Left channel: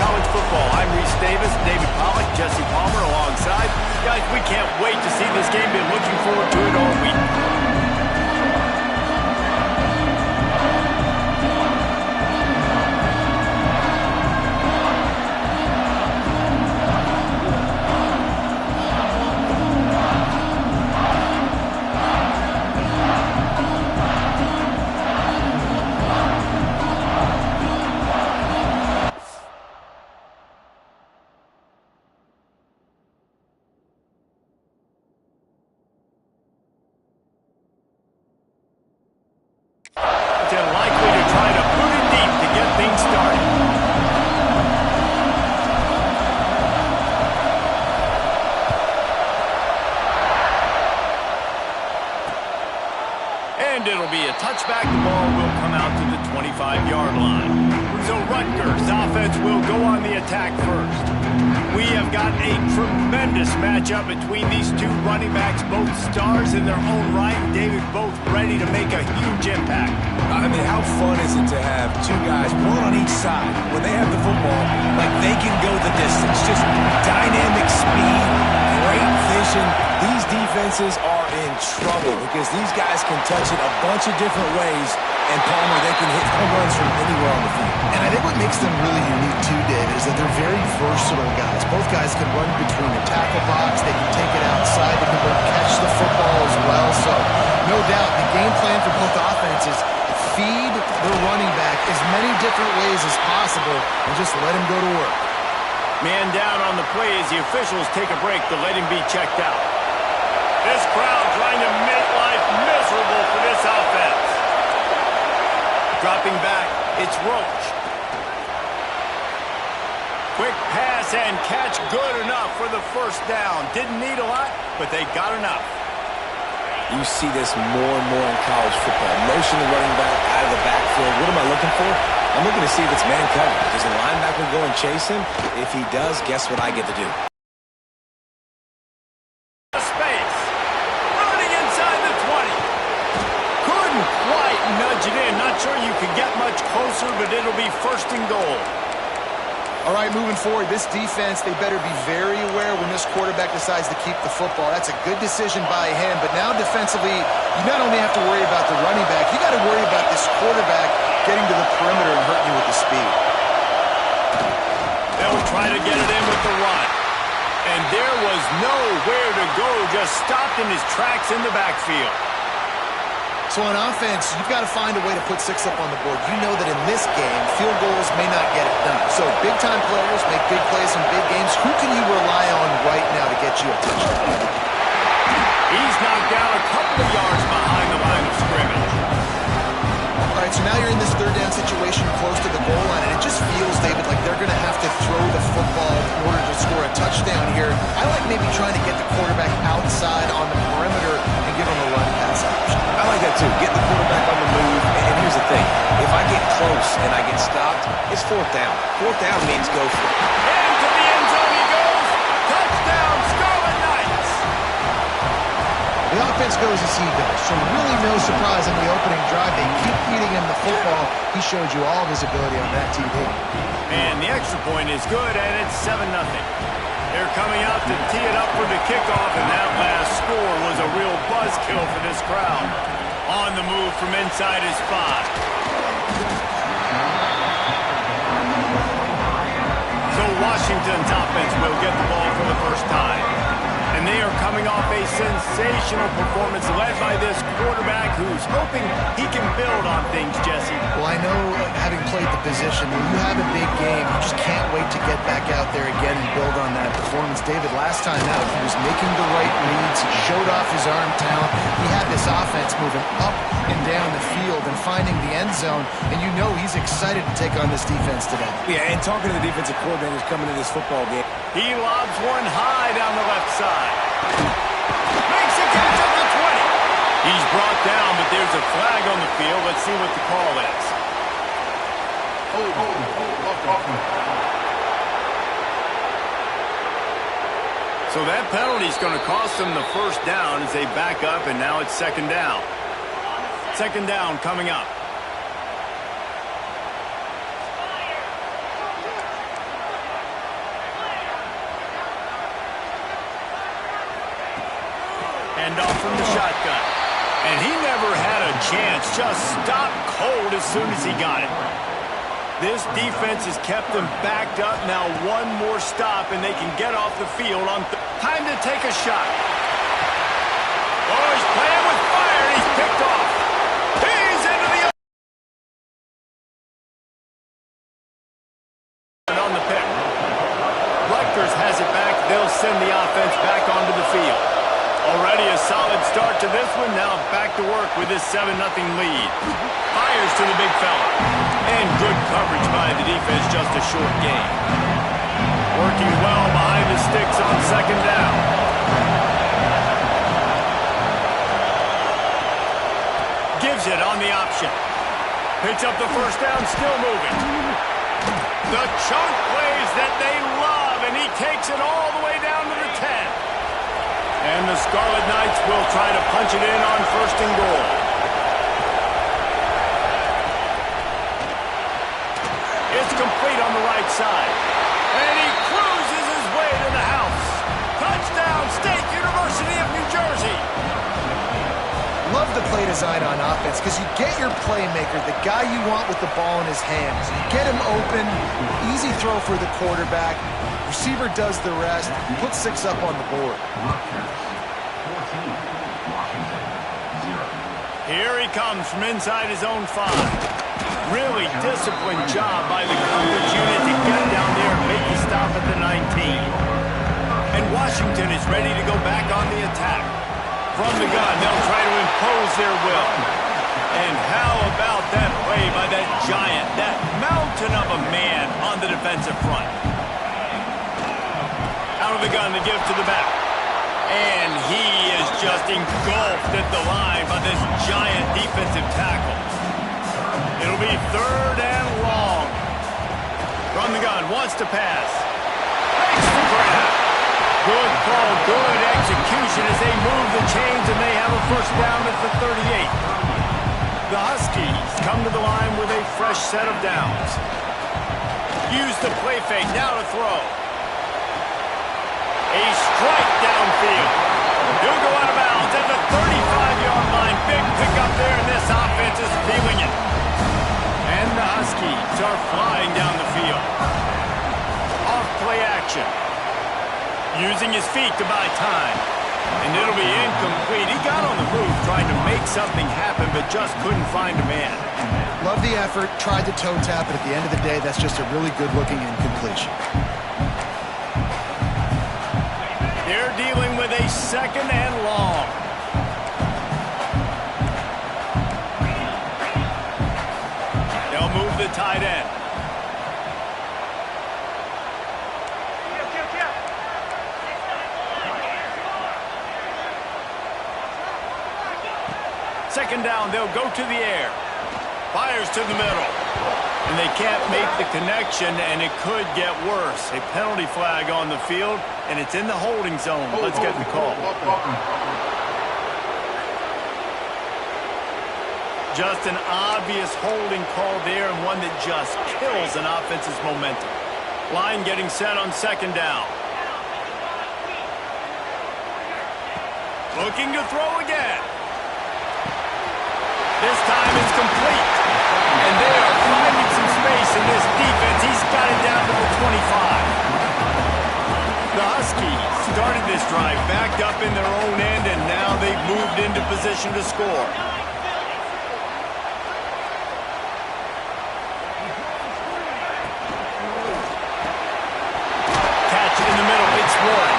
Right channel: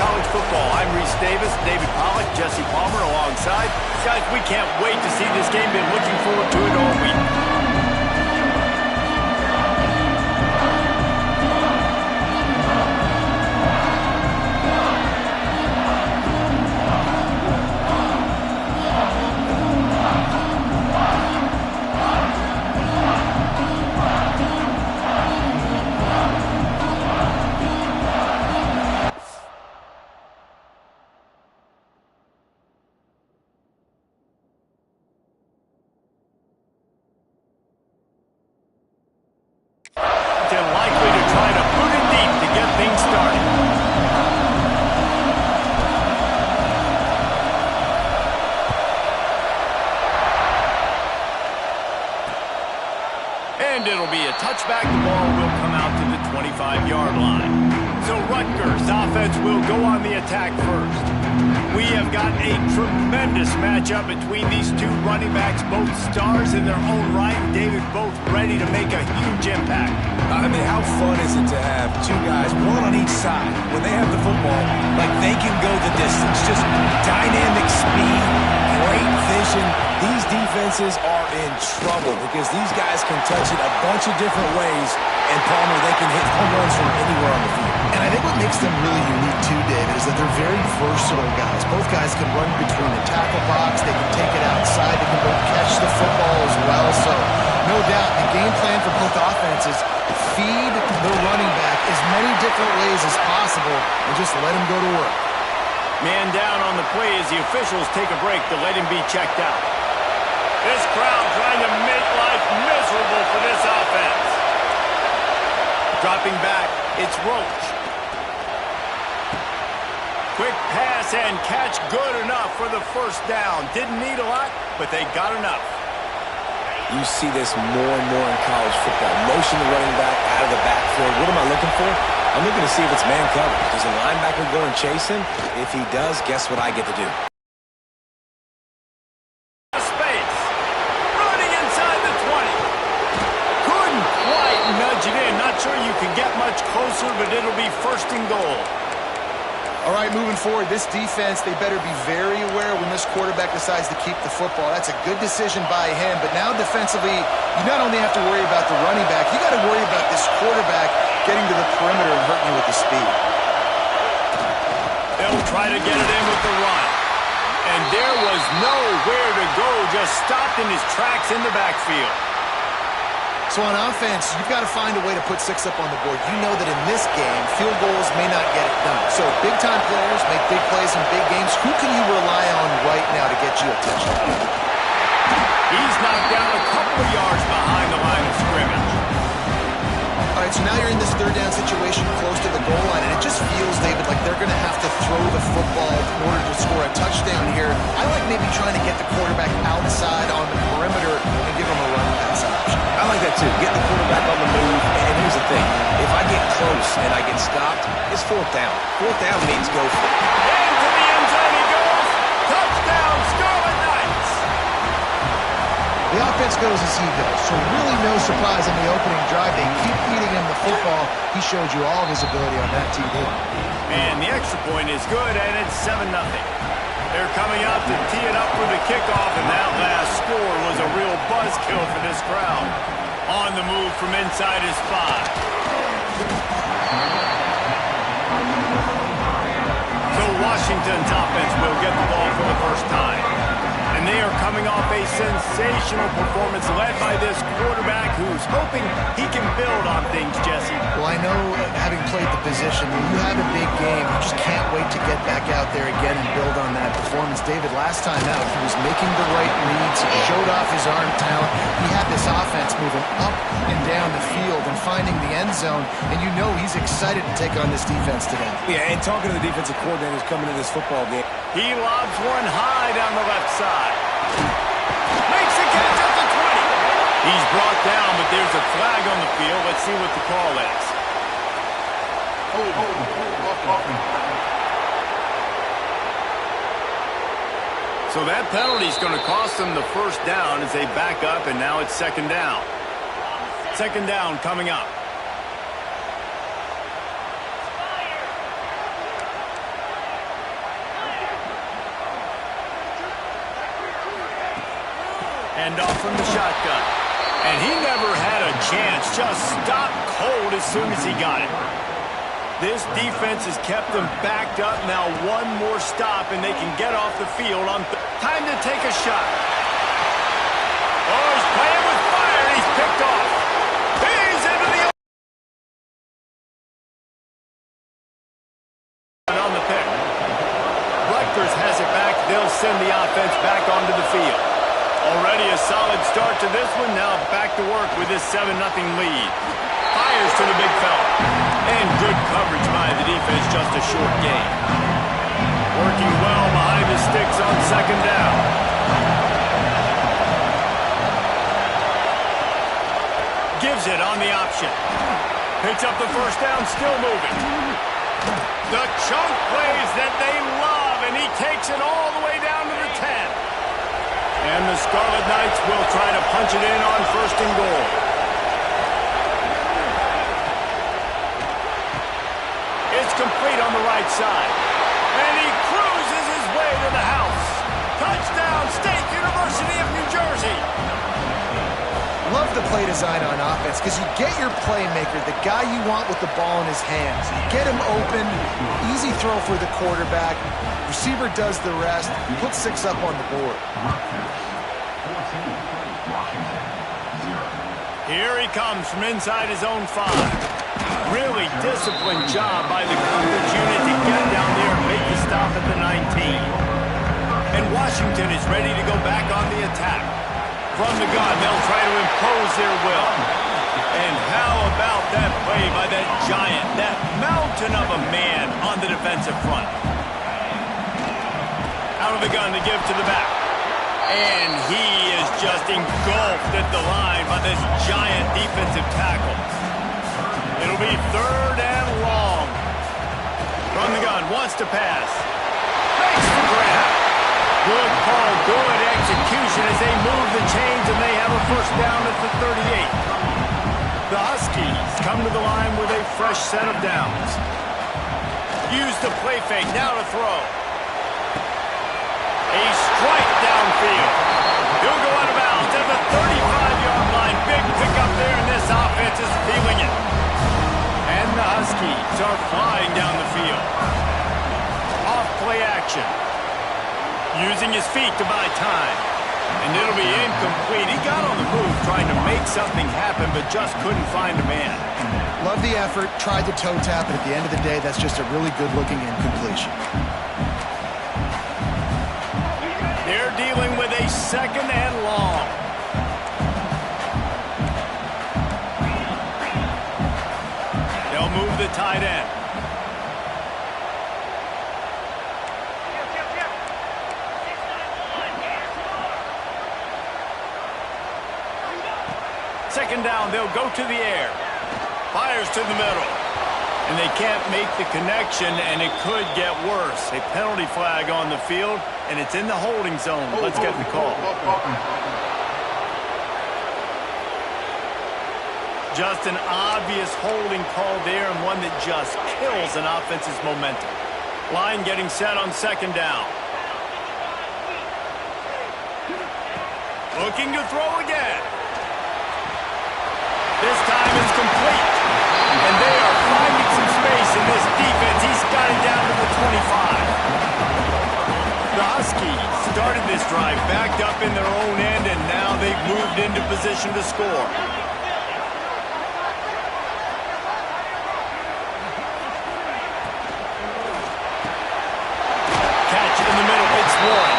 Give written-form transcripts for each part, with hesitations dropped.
college football. I'm Reese Davis, David Pollack, Jesse Palmer alongside. Guys, we can't wait to see this game. Been looking forward to it all week. Likely to try to put it deep to get things started. And it'll be a touchback. The ball will come out to the 25-yard line. So Rutgers offense will go on the attack first. We have got a tremendous matchup between these two running backs, both stars in their own right. David, both ready to make a huge impact. I mean, how fun is it to have two guys, one on each side, when they have the football, like they can go the distance. Just dynamic speed, great vision. These defenses are in trouble because these guys can touch it a bunch of different ways, and Palmer, they can hit home runs from anywhere on the field. And I think what makes them really unique too, David, is that they're very versatile guys. Both guys can run between the tackle box, they can take it outside, they can both catch the football as well. So no doubt the game plan for both offenses, feed the running back as many different ways as possible and just let him go to work. Man down on the play as the officials take a break to let him be checked out. This crowd trying to make life miserable for this offense. Dropping back, it's Roach. Quick pass and catch, good enough for the first down. Didn't need a lot, but they got enough. You see this more and more in college football. Motion the running back out of the backfield. What am I looking for? I'm looking to see if it's man coverage. Does the linebacker go and chase him? If he does, guess what I get to do? Space. Running inside the 20. Couldn't quite nudge it in. Not sure you can get much closer, but it'll be first and goal. All right, moving forward, this defense, they better be very aware when this quarterback decides to keep the football. That's a good decision by him, but now defensively, you not only have to worry about the running back, you got to worry about this quarterback getting to the perimeter and hurting you with the speed. They'll try to get it in with the run. And there was nowhere to go, just stopped in his tracks in the backfield. So on offense, you've got to find a way to put 6 up on the board. You know that in this game, field goals may not get it done. So big-time players make big plays in big games. Who can you rely on right now to get you a touchdown? He's knocked down a couple of yards behind the line of scrimmage. All right, so now you're in this third down situation close to the goal line, and it just feels, David, like they're going to have to throw the football in order to score a touchdown here. I like maybe trying to get the quarterback outside on the perimeter and give him a run-pass option. I like that too. Get the quarterback on the move. And here's the thing. If I get close and I get stopped, it's fourth down. Fourth down means go for it. Into the end zone he goes. Touchdown, Scarlet Knights. The offense goes as he goes, so really no surprise in the opening drive. They keep feeding him the football. He showed you all of his ability on that TD. And the extra point is good, and it's 7-0. They're coming out to tee it up for the kickoff, and that last score was a real buzzkill for this crowd. On the move from inside his 5. So Washington's offense will get the ball for the first time. And they are coming off a sensational performance led by this quarterback who's hoping he can build on things, Jesse. Well, I know, having played the position, when you have a big game, you just can't wait to get back out there again and build on that performance. David, last time out, he was making the right reads. He showed off his arm talent. He had this offense moving up and down the field and finding the end zone. And you know he's excited to take on this defense today. Yeah, and talking to the defensive coordinators coming into this football game. He lobs one high down the left side. Makes a catch at the 20. He's brought down, but there's a flag on the field. Let's see what the call is. So that penalty is going to cost them the first down as they back up, and now it's second down. Second down coming up. Hand off from the shotgun. And he never had a chance. Just stopped cold as soon as he got it. This defense has kept them backed up. Now one more stop, and they can get off the field on time to take a shot. Oh, he's playing with fire, and he's picked off. He's into the on the pick. Rutgers has it back. They'll send the offense back onto the field. Already a solid start to this one. Now back to work with this 7-0 lead. Fires to the big fella. And good coverage by the defense, just a short gain. Working well behind the sticks on second down. Gives it on the option. Picks up the first down, still moving. The chunk plays that they love, and he takes it all the way down to the 10. And the Scarlet Knights will try to punch it in on first and goal. It's complete on the right side. And he cruises his way to the house. Touchdown, State University of New Jersey. Love the play design on offense because you get your playmaker, the guy you want with the ball in his hands. You get him open, easy throw for the quarterback. Receiver does the rest, put 6 up on the board. Here he comes from inside his own 5. Really disciplined job by the coverage unit to get down there and make the stop at the 19. And Washington is ready to go back on the attack. From the gun, they'll try to impose their will. And how about that play by that giant, that mountain of a man on the defensive front? Out of the gun to give to the back. And he is just engulfed at the line by this giant defensive tackle. It'll be 3rd and long. From the gun, wants to pass. Makes the grab. Good call, good execution as they move the chains, and they have a first down at the 38. The Huskies come to the line with a fresh set of downs. Use the play fake, now to throw. A strike downfield. He'll go out of bounds at the 35-yard line. Big pickup there, and this offense is feeling it. And the Huskies are flying down the field. Off play action. Using his feet to buy time. And it'll be incomplete. He got on the move trying to make something happen, but just couldn't find a man. Love the effort, tried the toe tap, but at the end of the day, that's just a really good-looking incompletion. They're dealing with a 2nd and long. They'll move the tight end. Second down, they'll go to the air. Fires to the middle. And they can't make the connection, and it could get worse. A penalty flag on the field, and it's in the holding zone. Let's get the call. Just an obvious holding call there, and one that just kills an offense's momentum. Line getting set on second down. Looking to throw again. This time is complete. And they are finding some space in this defense. He's got it down to the 25. The Huskies started this drive backed up in their own end, and now they've moved into position to score. Catch in the middle. It's Warren.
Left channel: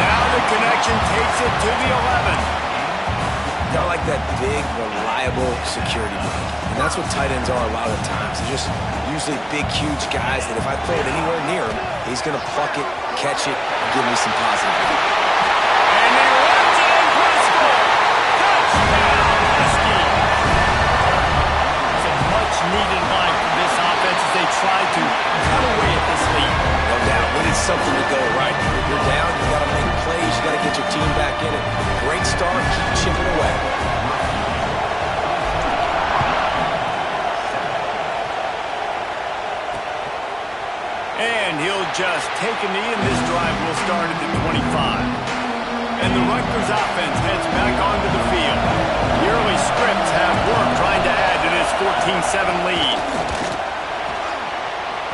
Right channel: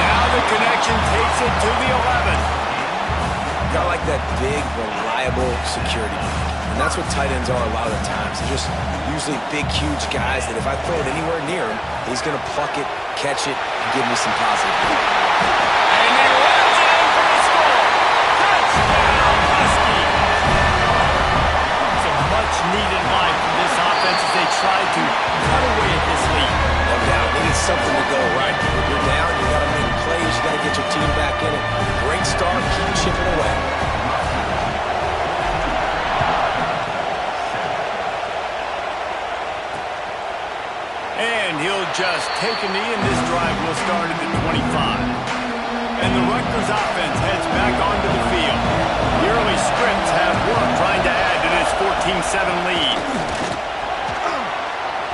Now the connection takes it to the 11. Got like that big, reliable security blanket. And that's what tight ends are a lot of the times. They're just usually big, huge guys that if I throw it anywhere near him, he's going to pluck it, catch it, and give me some positive. And he runs it in for the score. Touchdown, Huskies. It's a much-needed line from this offense as they try to cut away at this lead. No doubt. We need something to go right. If you're down, you got to make plays. You got to get your team back in it. Great start. Keep chipping away. And he'll just take a knee, and this drive will start at the 25. And the Rutgers offense heads back onto the field. The early scripts have worked trying to add to this 14-7 lead.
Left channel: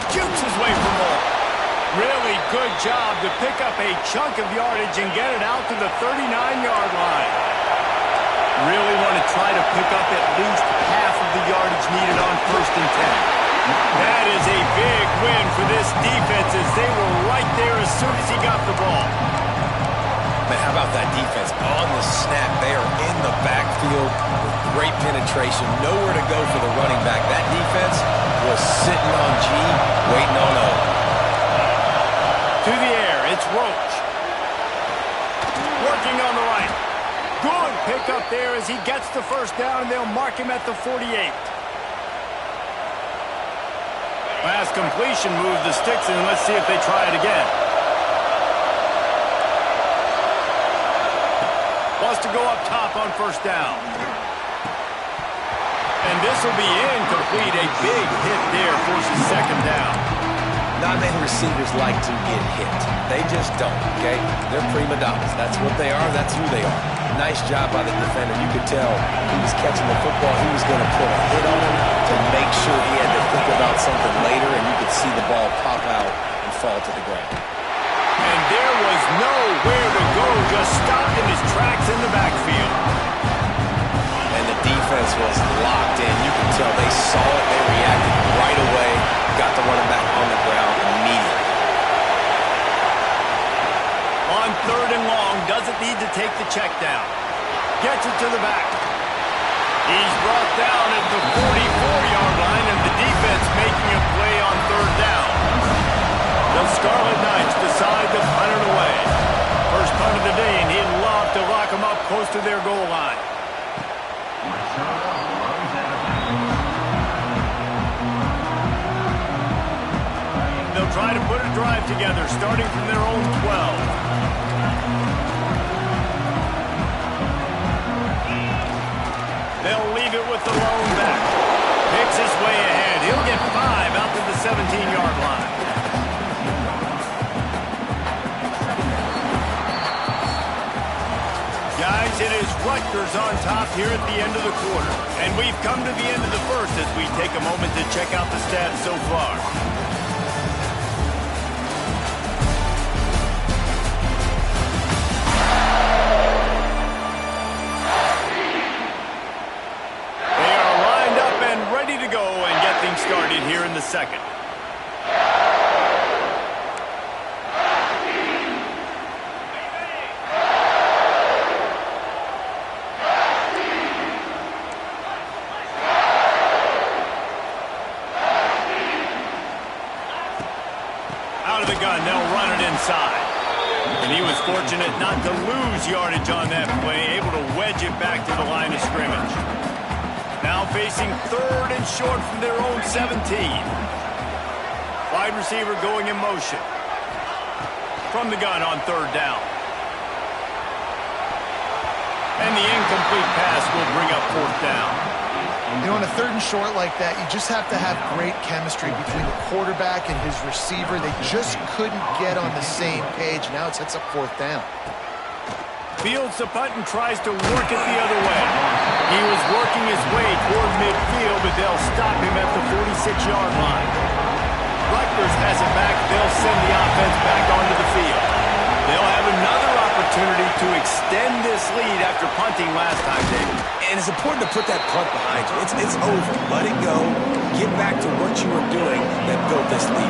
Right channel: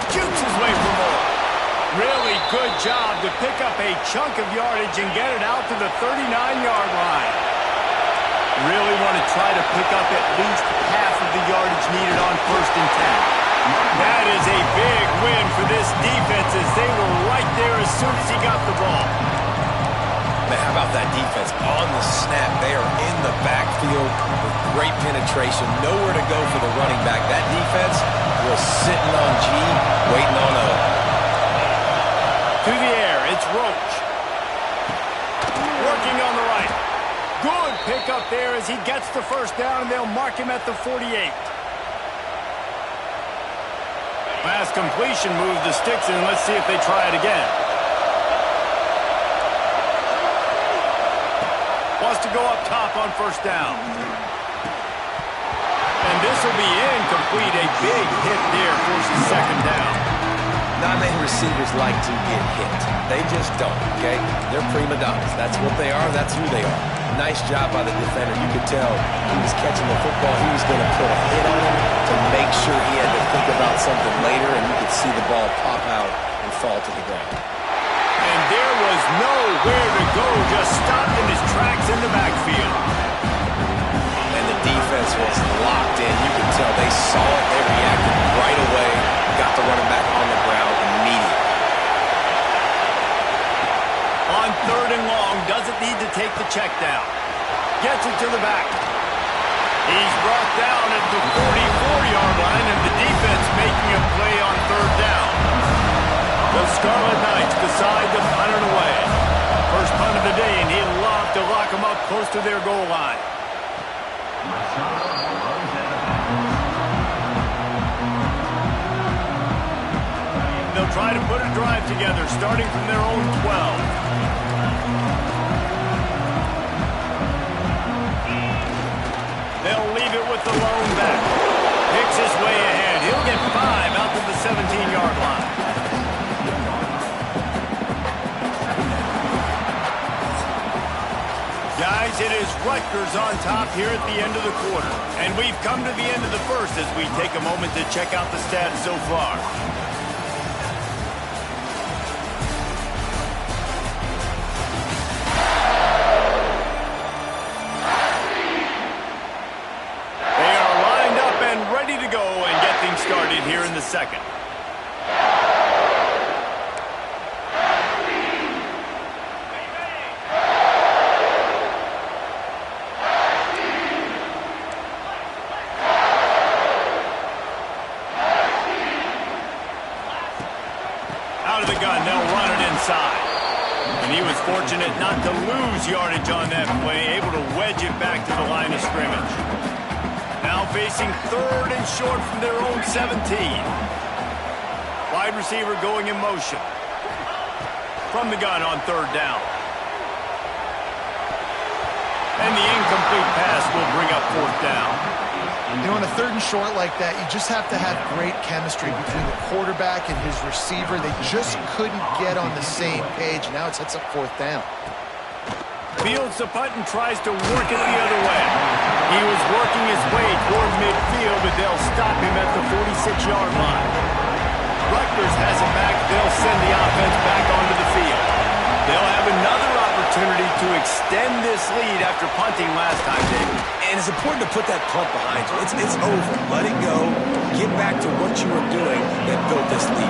Jukes his way for more. Really good job to pick up a chunk of yardage and get it out to the 39-yard line. Really want to try to pick up at least half of the yardage needed on 1st and 10. That is a big win for this defense as they were right there as soon as he got the ball. Man, how about that defense? On the snap, they are in the backfield with great penetration. Nowhere to go for the running back. That defense was sitting on G, waiting on O. To the air, it's Roach. Working on the right. Good pickup there as he gets the first down, and they'll mark him at the 48. Pass completion moves the sticks in. Let's see if they try it again. Wants to go up top on 1st down. And this will be incomplete. A big hit there forces 2nd down. Not many receivers like to get hit. They just don't, okay? They're prima donnas. That's what they are. That's who they are. Nice job by the defender. You could tell he was catching the football. He was going to put a hit on him to make sure he had to think about something later, and you could see the ball pop out and fall to the ground. And there was nowhere to go, just stopped in his tracks in the backfield. And the defense was locked in. You could tell they saw it. They reacted right away. Got the running back on the ground immediately. On 3rd and long, doesn't need to take the check down. Gets it to the back. He's brought down at the 44-yard line, and the defense making a play on 3rd down. The Scarlet Knights decide to punt it away. First punt of the day, and he'd love to lock them up close to their goal line. They'll try to put a drive together, starting from their own 12. They'll leave it with the lone back. Picks his way ahead. He'll get 5 out to the 17-yard line. Guys, it is Rutgers on top here at the end of the quarter. And we've come to the end of the first as we take a moment to check out the stats so far. They are lined up and ready to go and get things started here in the second. Out of the gun, they'll run it inside. And he was fortunate not to lose yardage on that play, able to wedge it back to the line of scrimmage. Now facing 3rd and short from their own 17. Wide receiver going in motion. From the gun on 3rd down. And the incomplete pass will bring up 4th down. You know, on a 3rd and short like that, you just have to have great chemistry between the quarterback and his receiver. They just couldn't get on the same page. Now it sets up 4th down. Fields the punt and tries to work it the other way. He was working his way toward midfield, but they'll stop him at the 46-yard line. Rutgers has it back. They'll send the offense back onto the field. They'll have another opportunity to extend this lead after punting last time, David. And it's important to put that punt behind you. It's over. Let it go. Get back to what you were doing that built this lead.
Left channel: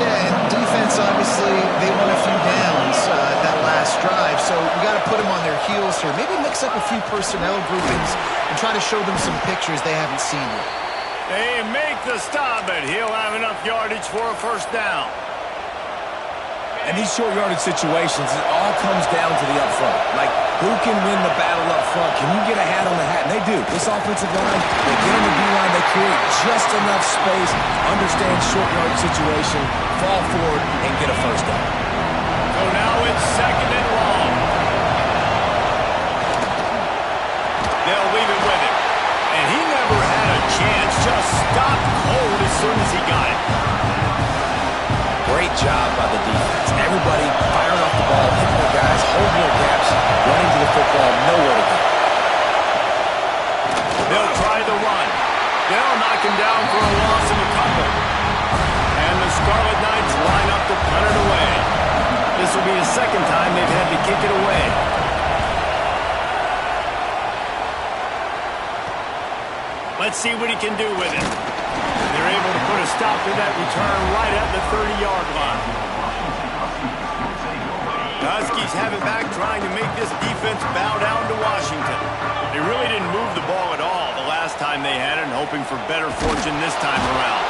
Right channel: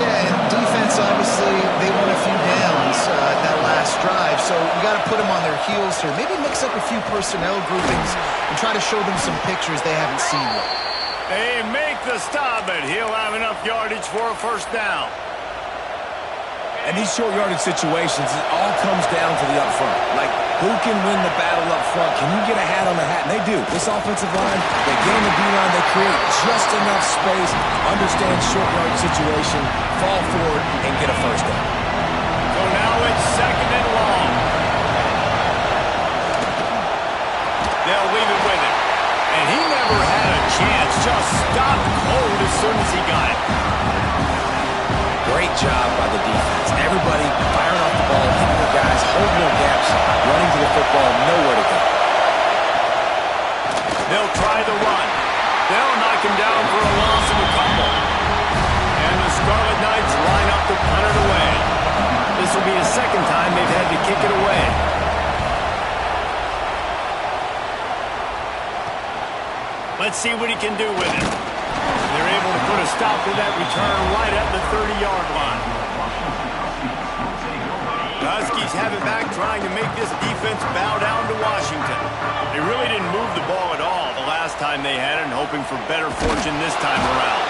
Yeah, and defense, obviously, they won a few downs that last drive, so we got to put them on their heels here. Maybe mix up a few personnel groupings and try to show them some pictures they haven't seen yet. They make the stop, but he'll have enough yardage for a 1st down. And these short yardage situations, it all comes down to the up front. Like, who can win the battle up front? Can you get a hat on the hat? And they do. This offensive line, they get on the D-line, they create just enough space, understand short yardage situation, fall forward, and get a 1st down. So now it's 2nd and long. They'll leave it with him. And he never had a chance, just stopped cold as soon as he got it. Great job by the defense. Everybody firing off the ball, hitting their guys, holding their gaps, running to the football, nowhere to go. They'll try the run. They'll knock him down for a loss of a couple. And the Scarlet Knights line up to punt it away. This will be the second time they've had to kick it away. Let's see what he can do with it. They're able to put a stop to that return right at the 30-yard line. The Huskies have it back, trying to make this defense bow down to Washington. They really didn't move the ball at all the last time they had it, and hoping for better fortune this time around.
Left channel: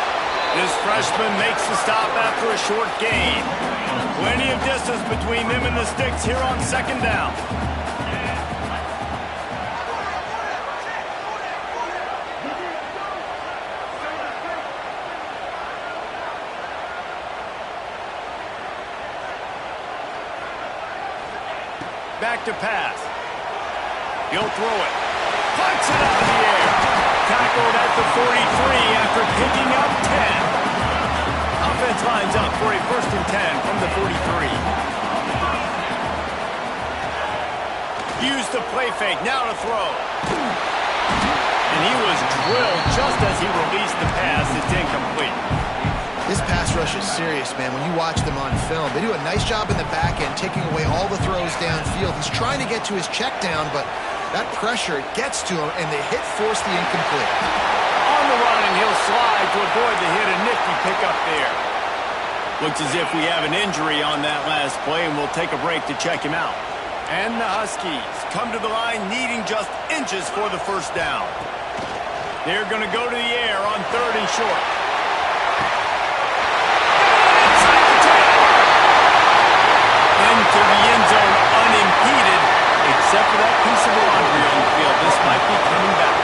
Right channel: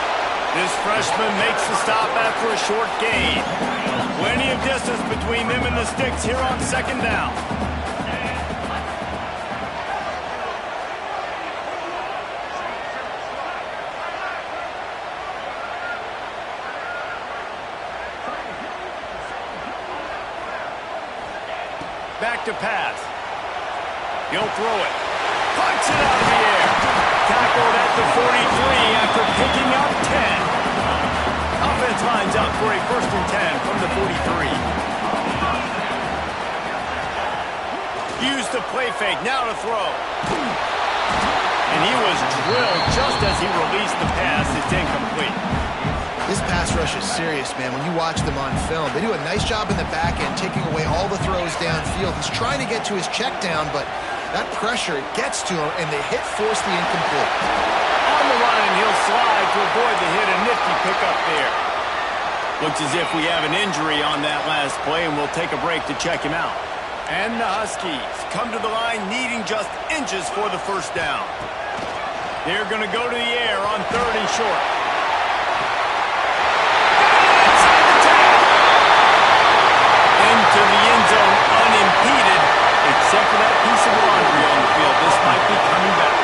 This freshman makes the stop after a short gain. Plenty of distance between them and the sticks here on second down. Back to pass. He'll throw it. Punts it out of the air. Tackled at the 43 after picking up 10. Offense lines up for a 1st and 10 from the 43. Use the play fake. Now to throw. And he was drilled just as he released the pass. It's incomplete. This pass rush is serious, man. When you watch them on film, they do a nice job in the back end, taking away all the throws downfield. He's trying to get to his check down, but that pressure gets to him, and the hit forced the incomplete. On the run, and he'll slide to avoid the hit. A nifty pickup there. Looks as if we have an injury on that last play, and we'll take a break to check him out. And the Huskies come to the line needing just inches for the 1st down. They're going to go to the air on 3rd and short. Into the end zone unimpeded, except for that piece of laundry on the field. This might be coming back.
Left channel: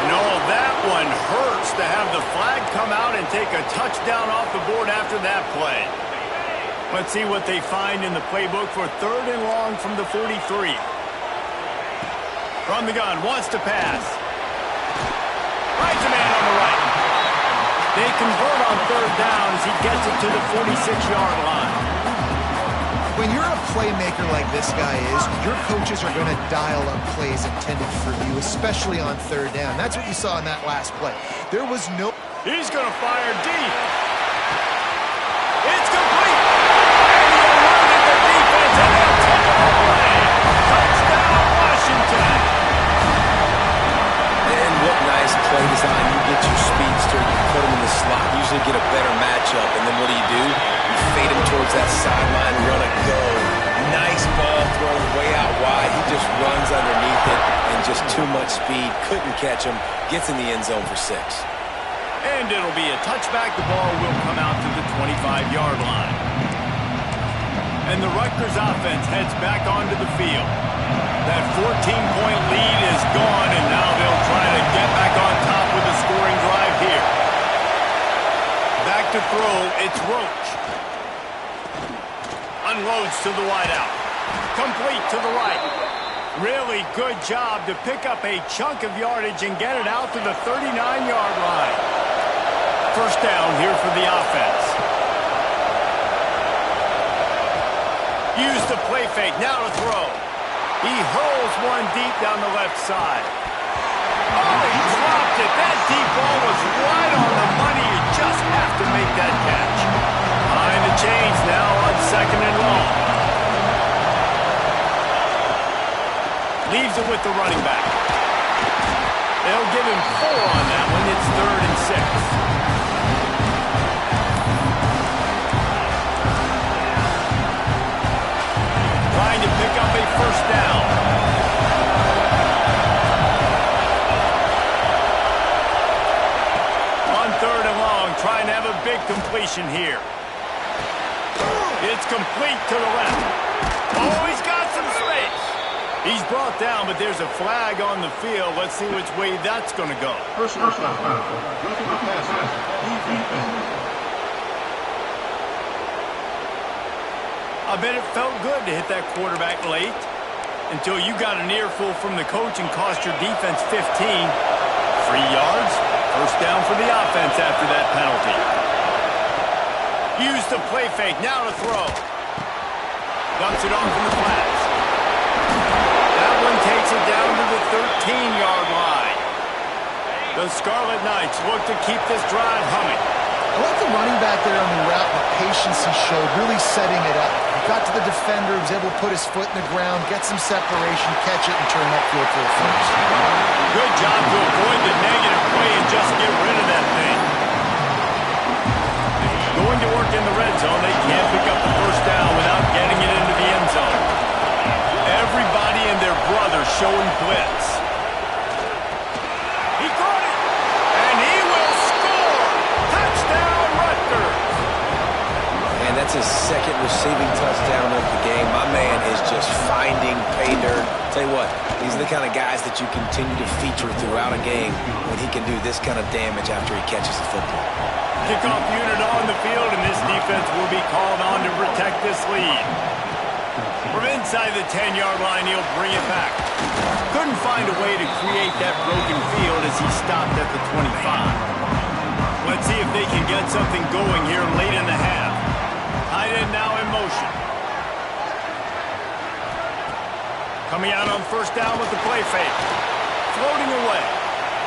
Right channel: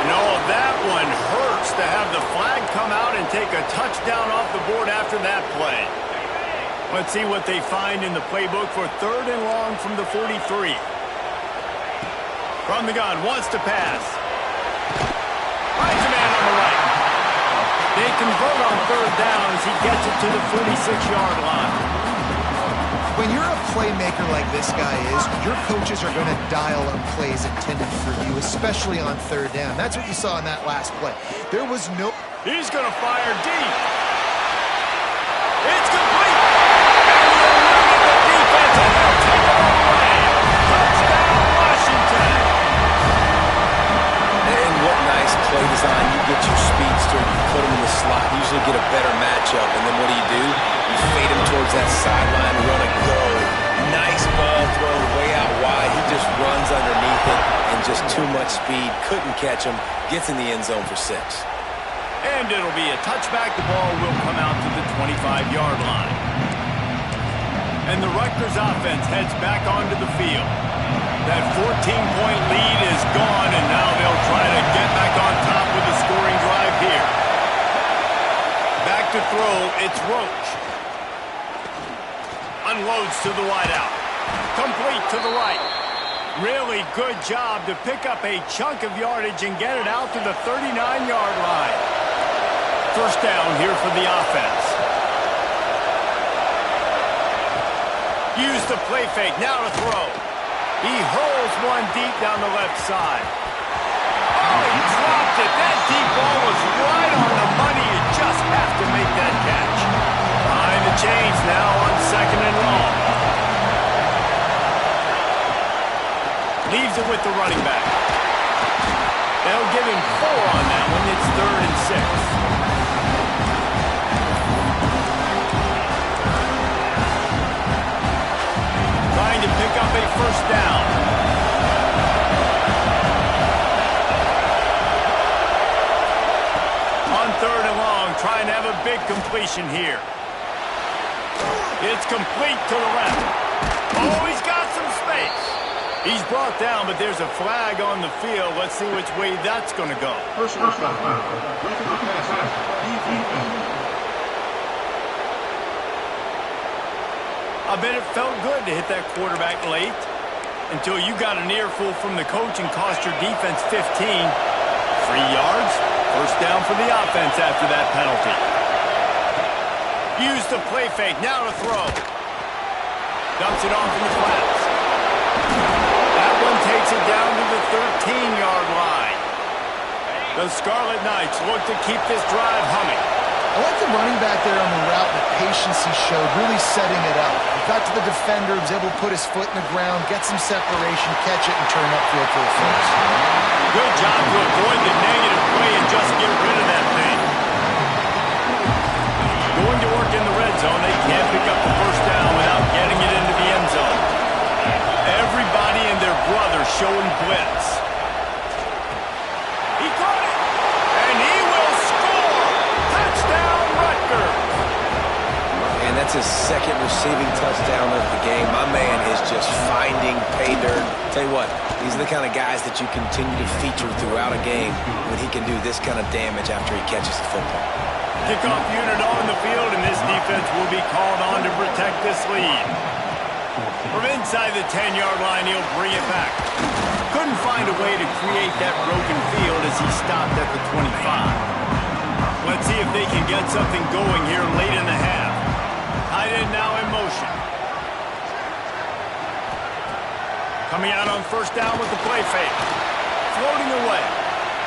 And oh, that one hurts to have the flag come out and take a touchdown off the board after that play. Let's see what they find in the playbook for 3rd and long from the 43. From the gun, wants to pass. Finds a man on the right. They convert on 3rd down as he gets it to the 46-yard line. When you're a playmaker like this guy is, your coaches are going to dial up plays intended for you, especially on 3rd down. That's what you saw in that last play. There was no... He's going to fire deep. It's complete. And he eluded the defense, and they'll take it all away. Touchdown, Washington. And what nice play design. You get your speedster, you put him in the slot, usually get a better matchup, and then what do? You fade him towards that sideline, run a go. Nice ball thrown way out wide. He just runs underneath it, and just too much speed. Couldn't catch him. Gets in the end zone for 6. And it'll be a touchback. The ball will come out to the 25-yard line. And the Rutgers offense heads back onto the field. That 14-point lead is gone, and now they'll try to get back on top with a scoring drive here. Back to throw, it's Roach. Unloads to the wideout. Complete to the right. Really good job to pick up a chunk of yardage and get it out to the 39-yard line. 1st down here for the offense. Use the play fake, now to throw. He hurls one deep down the left side. Oh, he dropped it. That deep ball was right on the money. You just have to make that catch. Behind the chains now on 2nd and long. Leaves it with the running back. They'll give him 4 on that one. It's 3rd and 6. Trying to pick up a 1st down. On 3rd and long, trying to have a big completion here. It's complete to the left. Oh, he's got some space. He's brought down, but there's a flag on the field. Let's see which way that's going to go. Personal foul. Roughing the passer. Defense. I bet it felt good to hit that quarterback late until you got an earful from the coach and cost your defense 15. 3 yards, First down for the offense after that penalty. Use the play fake, now to throw. Dumps it off in the flats. That one takes it down to the 13-yard line. The Scarlet Knights look to keep this drive humming. I like the running back there on the route and the patience he showed, really setting it up. He got to the defender, was able to put his foot in the ground, get some separation, catch it, and turn upfield for the first. Good job to avoid the negative play and just get rid of that thing. Going to work in the red zone, they can't pick up the first down without getting it into the end zone. Everybody and their brother showing blitz. He caught it, and he will score! Touchdown, Rutgers! And that's his second receiving touchdown of the game. My man is just finding pay dirt. Tell you what, these are the kind of guys that you continue to feature throughout a game when he can do this kind of damage after he catches the football. Kickoff unit on the field, and this defense will be called on to protect this lead. From inside the 10-yard line, he'll bring it back. Couldn't find a way to create that broken field as he stopped at the 25. Let's see if they can get something going here late in the half. Tight end now in motion. Coming out on first down with the play fake. Floating away.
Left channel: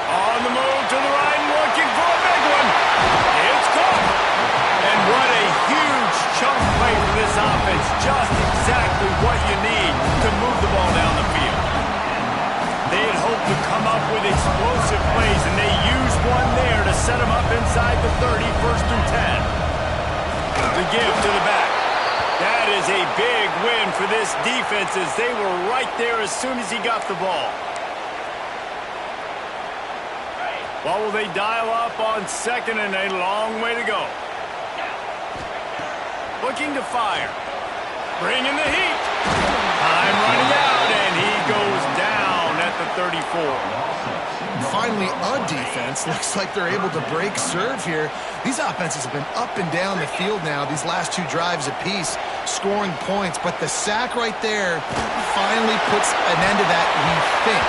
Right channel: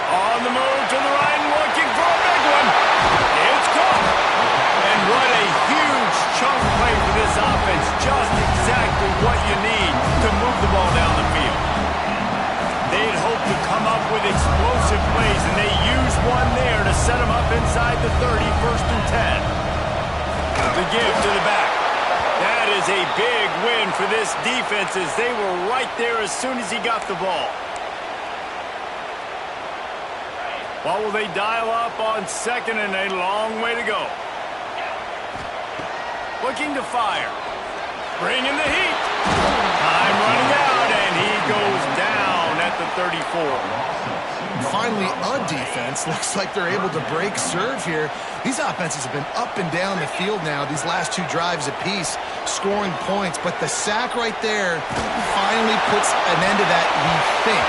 On the move to the right and looking for a big one. It's caught. And what a huge chunk play for this offense. Just exactly what you need to move the ball down the field. They had hoped to come up with explosive plays, and they used one there to set them up inside the 30, first and 10. The give to the back. That is a big win for this defense as they were right there as soon as he got the ball. What will they dial up on second and a long way to go? Looking to fire. Bringing the heat. Time running out, and he goes down at the 34. Finally, a defense. Looks like they're able to break serve here. These offenses have been up and down the field now, these last two drives apiece, scoring points. But the sack right there finally puts an end to that, we think.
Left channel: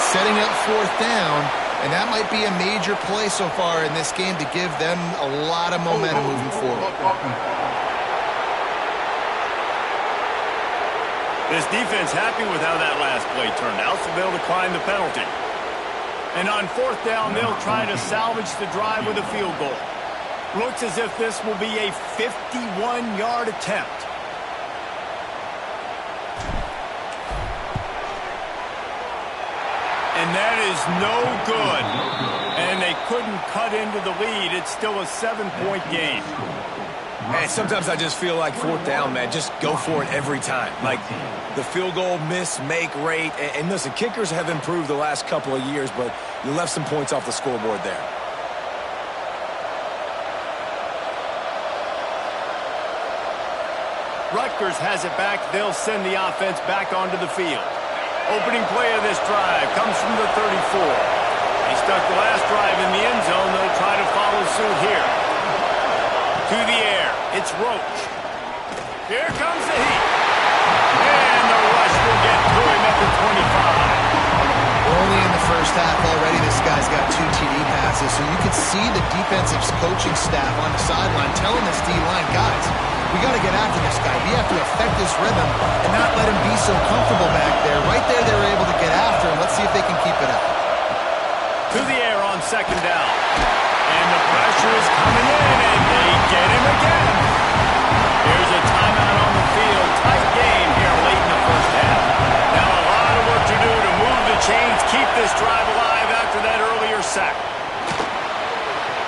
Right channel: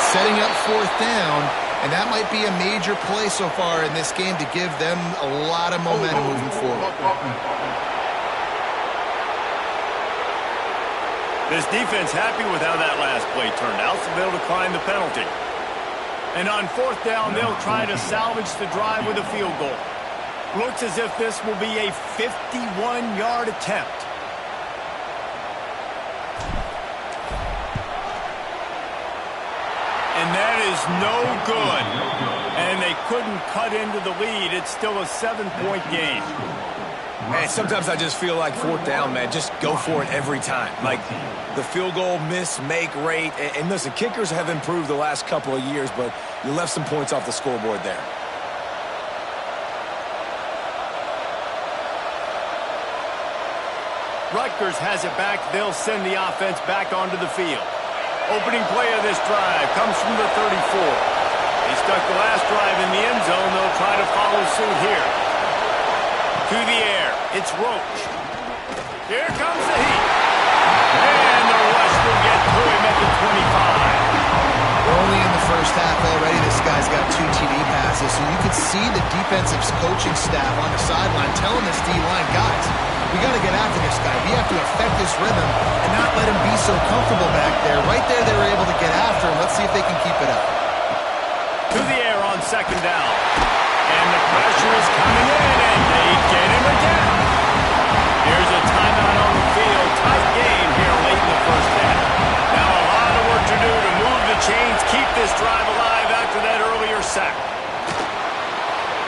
Setting up fourth down, and that might be a major play so far in this game to give them a lot of momentum moving forward. This defense happy with how that last play turned out, so they'll decline the penalty. And on fourth down, they'll try to salvage the drive with a field goal. Looks as if this will be a 51-yard attempt. And that is no good. And they couldn't cut into the lead. It's still a 7-point game. Man, sometimes I just feel like fourth down, man, just go for it every time. Like the field goal miss-make rate. And listen, kickers have improved the last couple of years, but you left some points off the scoreboard there. Rutgers has it back. They'll send the offense back onto the field. Opening play of this drive comes from the 34. They stuck the last drive in the end zone. They'll try to follow suit here. To the air, it's Roach. Here comes the heat. And the rush will get to him at the 25. We're only in the first half already. This guy's got 2 TD passes, so you could see the defensive coaching staff on the sideline telling this D-line, guys, we got to get after this guy. We have to affect his rhythm and not let him be so comfortable back there. Right there, they were able to get after him. Let's see if they can keep it up. To the air on second down. And the pressure is coming in, and they get him again. Here's a timeout on the field. Tight game here late in the first half. Now a lot of work to do to move the chains, keep this drive alive after that earlier sack.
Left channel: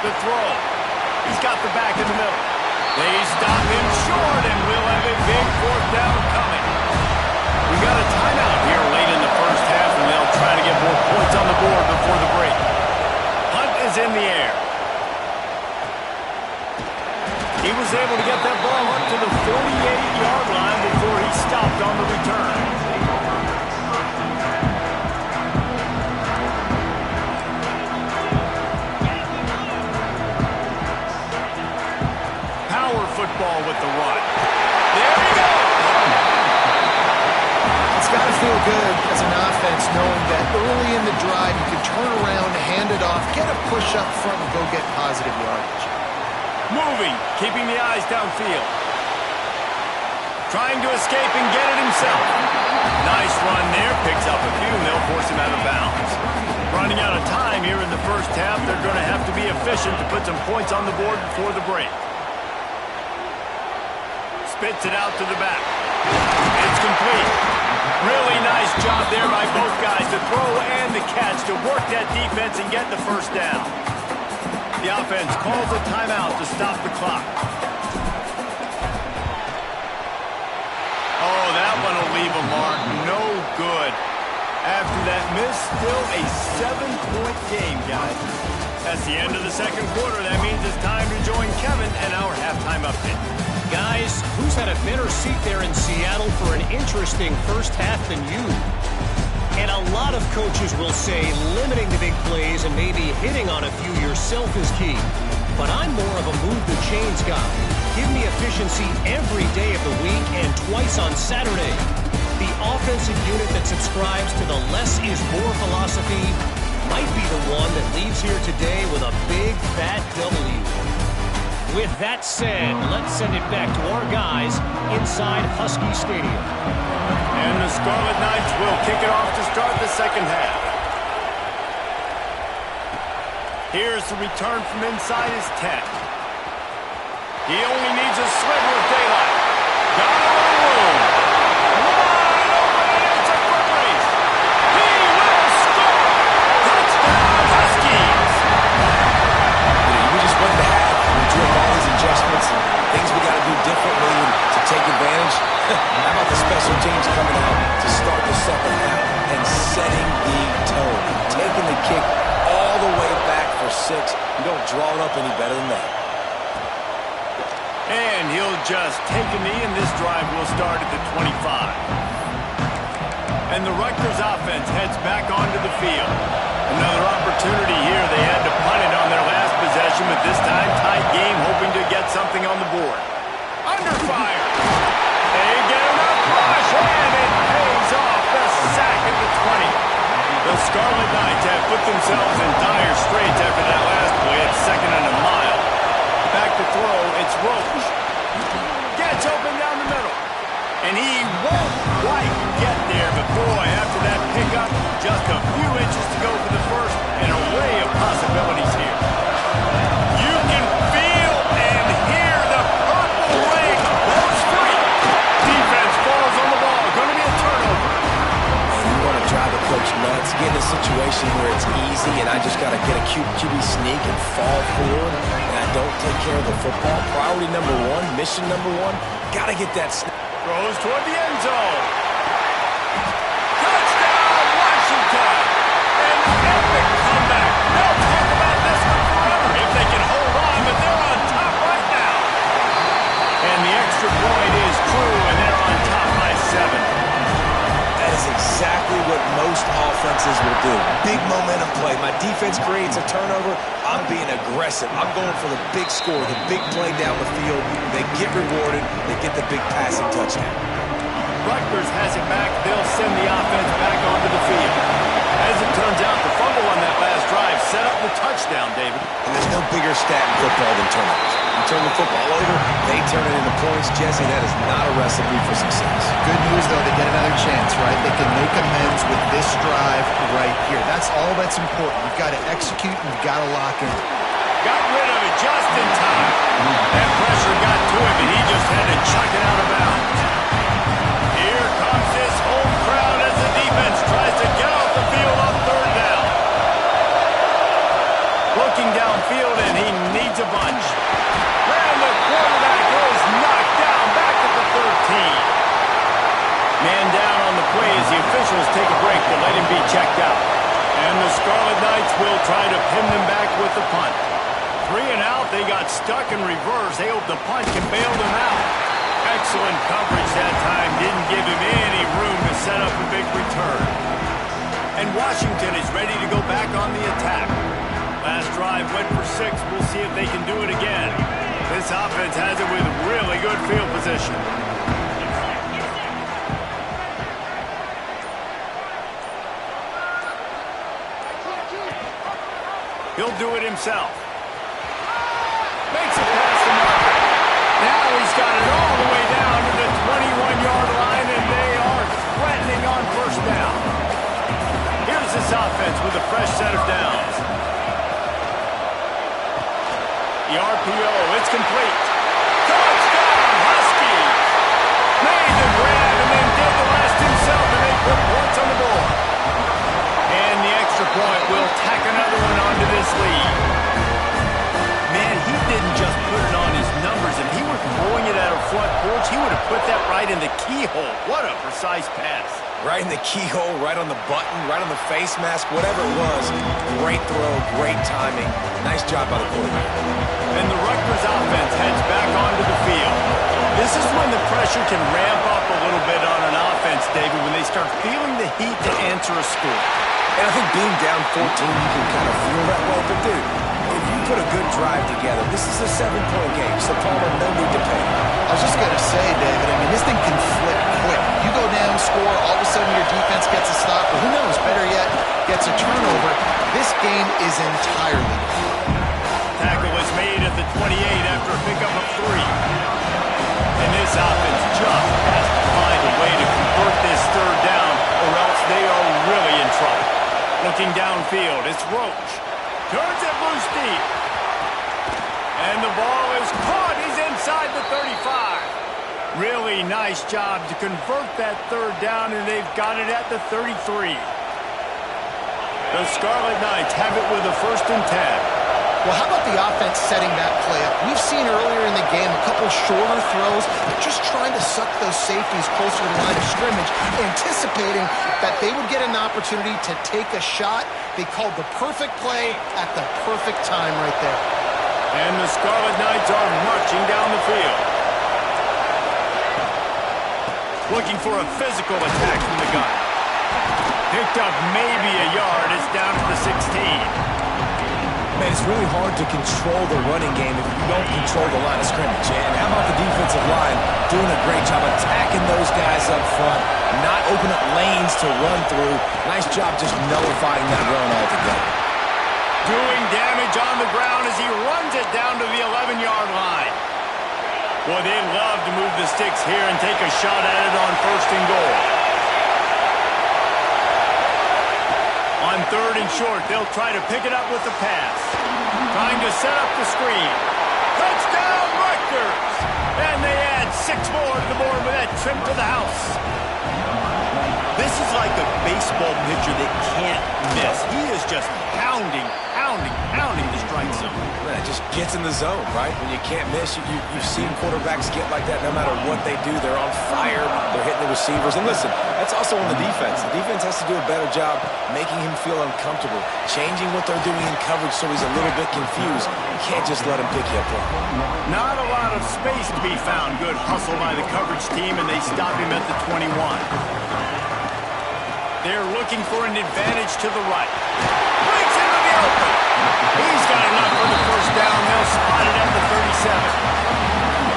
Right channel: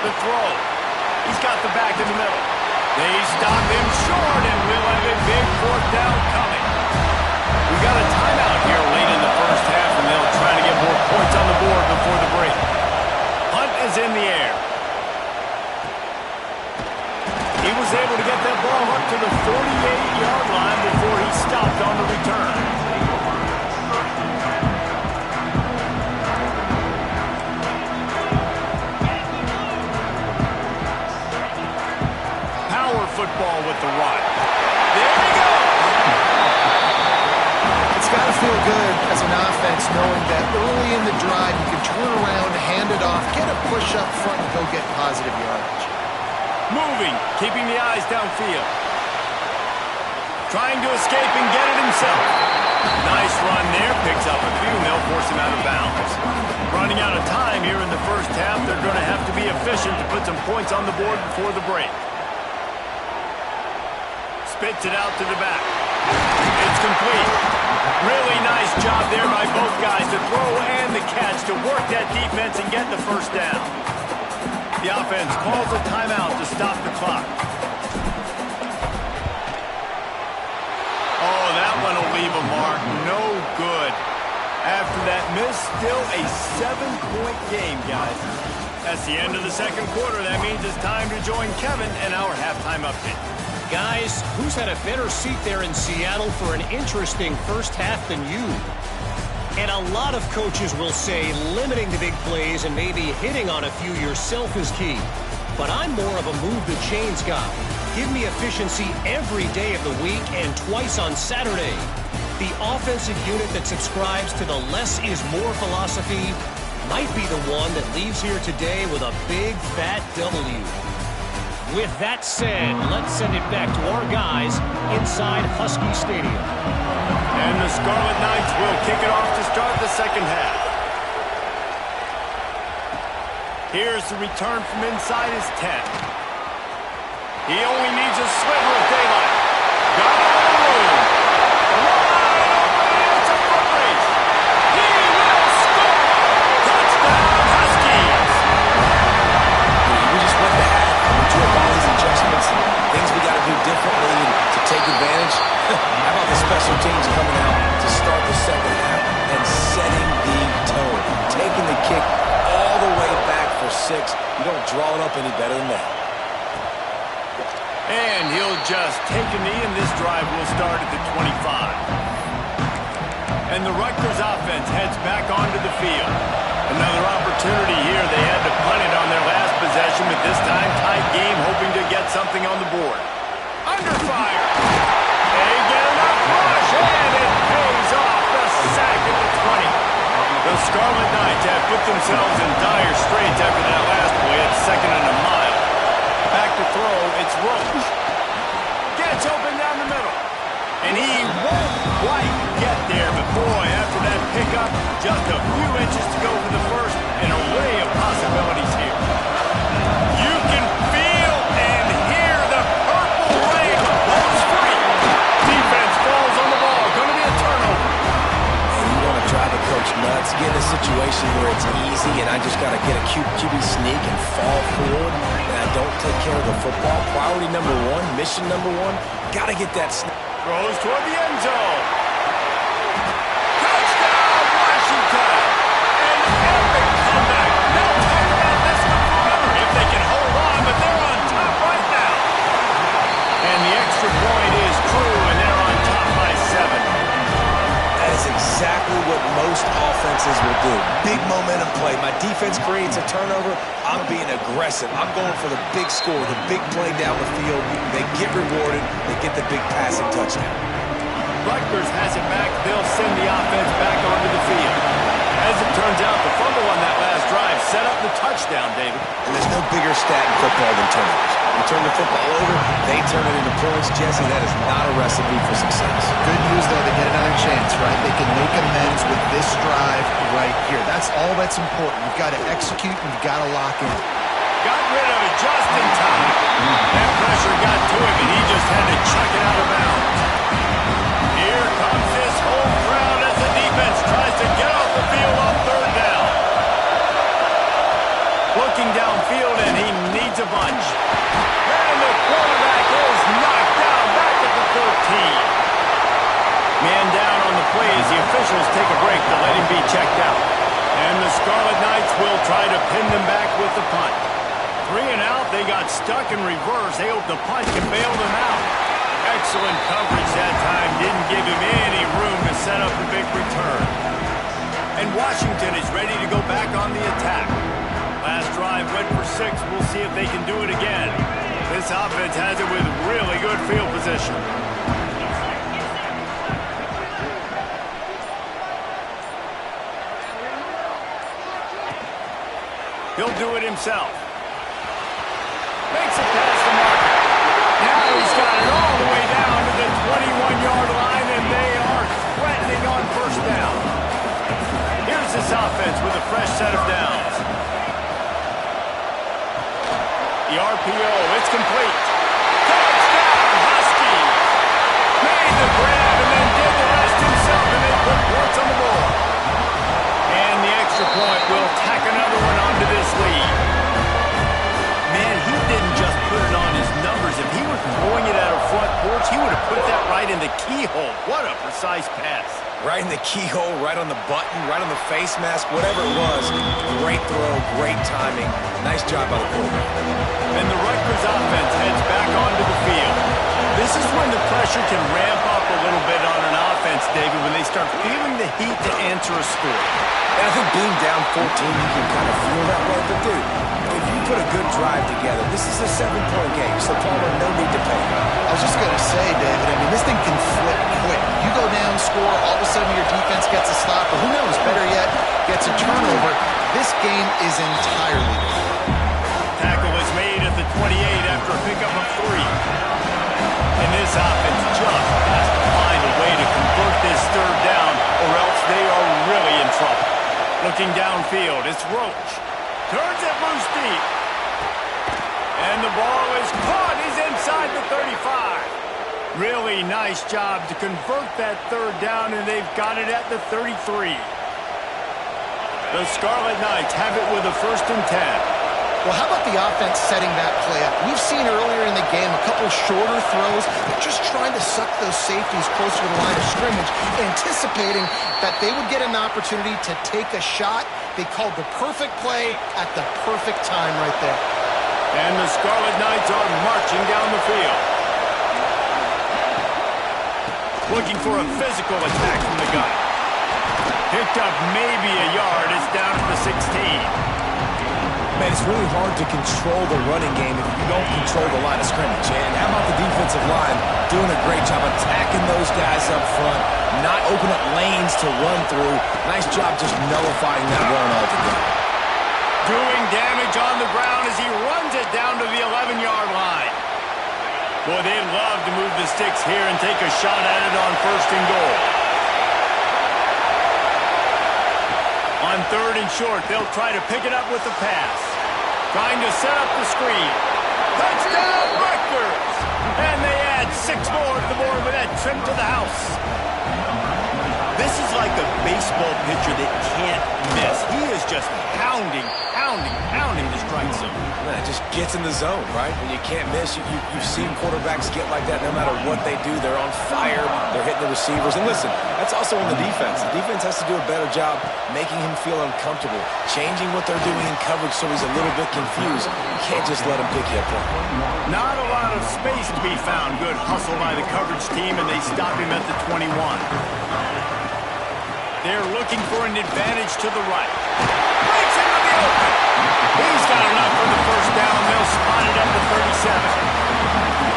The throw. He's got the back in the middle. They stop him short, and we'll have a big fourth down coming. We got a timeout here late in the first half, and they'll try to get more points on the board before the break. Hunt is in the air. He was able to get that ball up to the 48-yard line before he stopped on the return. Power football with the run. There he goes! It's got to feel good as an offense knowing that early in the drive you can turn around, hand it off, get a push up front, and go get positive yardage. Moving, keeping the eyes downfield. Trying to escape and get it himself. Nice run there, picks up a few, and they'll force him out of bounds. Running out of time here in the first half, they're going to have to be efficient to put some points on the board before the break. Spits it out to the back. It's complete. Really nice job there by both guys to throw and the catch to work that defense and get the first down. The offense calls a timeout to stop the clock. Oh, that one will leave a mark. No good. After that miss, still a 7-point game, guys. That's the end of the second quarter. That means it's time to join Kevin and our halftime update. Guys, who's had a better seat there in Seattle for an interesting first half than you? And a lot of coaches will say limiting the big plays and maybe hitting on a few yourself is key. But I'm more of a move the chains guy. Give me efficiency every day of the week and twice on Saturday. The offensive unit that subscribes to the less is more philosophy might be the one that leaves here today with a big fat W. With that said, let's send it back to our guys inside Husky Stadium. And the Scarlet Knights will kick it off to start the second half. Here's the return from inside his 10. He only needs a sliver of daylight. Got a little room. Wide open, and it's a foot race. He will score. Touchdown, Huskies. We just went to half, and we drew up all these adjustments and things we got to do differently to take advantage. How about the special teams coming out to start the second half and setting the tone, taking the kick all the way back for 6. You don't draw it up any better than that. And he'll just take a knee, and this drive will start at the 25. And the Rutgers offense heads back onto the field. Another opportunity here. They had to punt it on their last possession, but this time tight game, hoping to get something on the board. Under fire. They get enough rush, and it pays off. The sack at the 20. The Scarlet Knights have put themselves in dire straits after that last play at 2nd and a mile. Back to throw, it's Roach. Gets open down the middle. And he won't quite get there, but boy, after that pickup, just a few inches to go for the first. An array of possibilities here. You can feel and hear the purple rain. Ball's free. Defense falls on the ball. Going to be a turnover. And you want to drive the coach nuts, get in a situation where it's easy and I just got to get a QB sneak and fall forward and I don't take care of the football. Priority number 1, mission number 1, got to get that snap. Throws toward the end zone. Touchdown, Washington. An epic comeback. They'll talk about this one forever if they can hold on, but they're on top right now. And the extra point is true, and they're on top by 7. That is exactly what most offenses will do. Big momentum play. My defense creates a turnover. I'm being aggressive. I'm going for the big score, the big play down the field. They get rewarded. They get the big passing touchdown. Rutgers has it back. They'll send the offense back onto the field. As it turns out, the fumble on that last drive set up the touchdown, David. And there's no bigger stat in football than turnovers. You turn the football over, they turn it into points. Jesse, that is not a recipe for success. Good news, though, they get another chance, right? They can make amends with this drive right here. That's all that's important. You've got to execute and you've got to lock in. Got rid of it just in time. That pressure got to him, and he just had to chuck it out of bounds. Here comes this home crowd as the defense tries to get off the field on 3rd down. Looking downfield, and he needs a bunch. And the quarterback is knocked down back at the 13. Man down on the play as the officials take a break to let him be checked out. And the Scarlet Knights will try to pin them back with the punt. 3 and out, they got stuck in reverse. They hope the punt can bail them out. Excellent coverage that time. Didn't give him any room to set up a big return. And Washington is ready to go back on the attack. Last drive went for 6. We'll see if they can do it again. This offense has it with really good field position. He'll do it himself. Makes it past the marker. Now he's got it all the way down to the 21-yard line, and they are threatening on first down. Here's this offense with a fresh set of downs. The RPO, it's complete. Touchdown, Huskies! Made the grab and then did the rest himself, and they put points on the board. And the extra point will tack another one onto this lead. Man, he didn't just put it on his numbers. If he were throwing it at a front porch, he would have put that right in the keyhole. What a precise pass. Right in the keyhole, right on the button, right on the face mask, whatever it was. Great throw, great timing. Nice job by the quarterback. And the Rutgers offense heads back onto the field. This is when the pressure can ramp up a little bit on an offense, David, when they start feeling the heat to answer a score. And I think being down 14, you can kind of feel that way. But, dude, if you put a good drive together, this is a 7-point game, so Palmer, no need to pay. I was just going to say, David, I mean, this thing can flip quick. You go down, score, all of a sudden your defense gets a stop, or who knows, better yet, gets a turnover. This game is entirely different. Tackle is made at the 28 after a pickup of 3. And this offense just has to find a way to convert this third down, or else they are really in trouble. Looking downfield, it's Roach. Turns it loose deep. And the ball is caught. He's inside the 35. Really nice job to convert that third down, and they've got it at the 33. The Scarlet Knights have it with a 1st and 10. Well, how about the offense setting that play up? We've seen earlier in the game a couple shorter throws, but just trying to suck those safeties closer to the line of scrimmage, anticipating that they would get an opportunity to take a shot. They called the perfect play at the perfect time right there. And the Scarlet Knights are marching down the field. Looking for a physical attack from the gun. Picked up maybe a yard. It's down at the 16. Man, it's really hard to control the running game if you don't control the line of scrimmage. And how about the defensive line doing a great job attacking those guys up front, not open up lanes to run through. Nice job just nullifying that run altogether. Doing damage on the ground as he runs it down to the 11-yard line. Boy, they'd love to move the sticks here and take a shot at it on 1st and goal. On 3rd and short, they'll try to pick it up with the pass. Trying to set up the screen. Touchdown, Rutgers! And they add 6 more to the board with that trip to the house. This is like a baseball pitcher that can't miss. He is just pounding the strike zone. Man, it just gets in the zone, right? When you can't miss, you've seen quarterbacks get like that no matter what they do. They're on fire. They're hitting the receivers. And listen, that's also on the defense. The defense has to do a better job making him feel uncomfortable, changing what they're doing in coverage so he's a little bit confused. You can't just let him pick you apart. Not a lot of space to be found. Good hustle by the coverage team, and they stop him at the 21. They're looking for an advantage to the right. Breaks into the open. He's got enough for the 1st down. They'll spot it at the 37.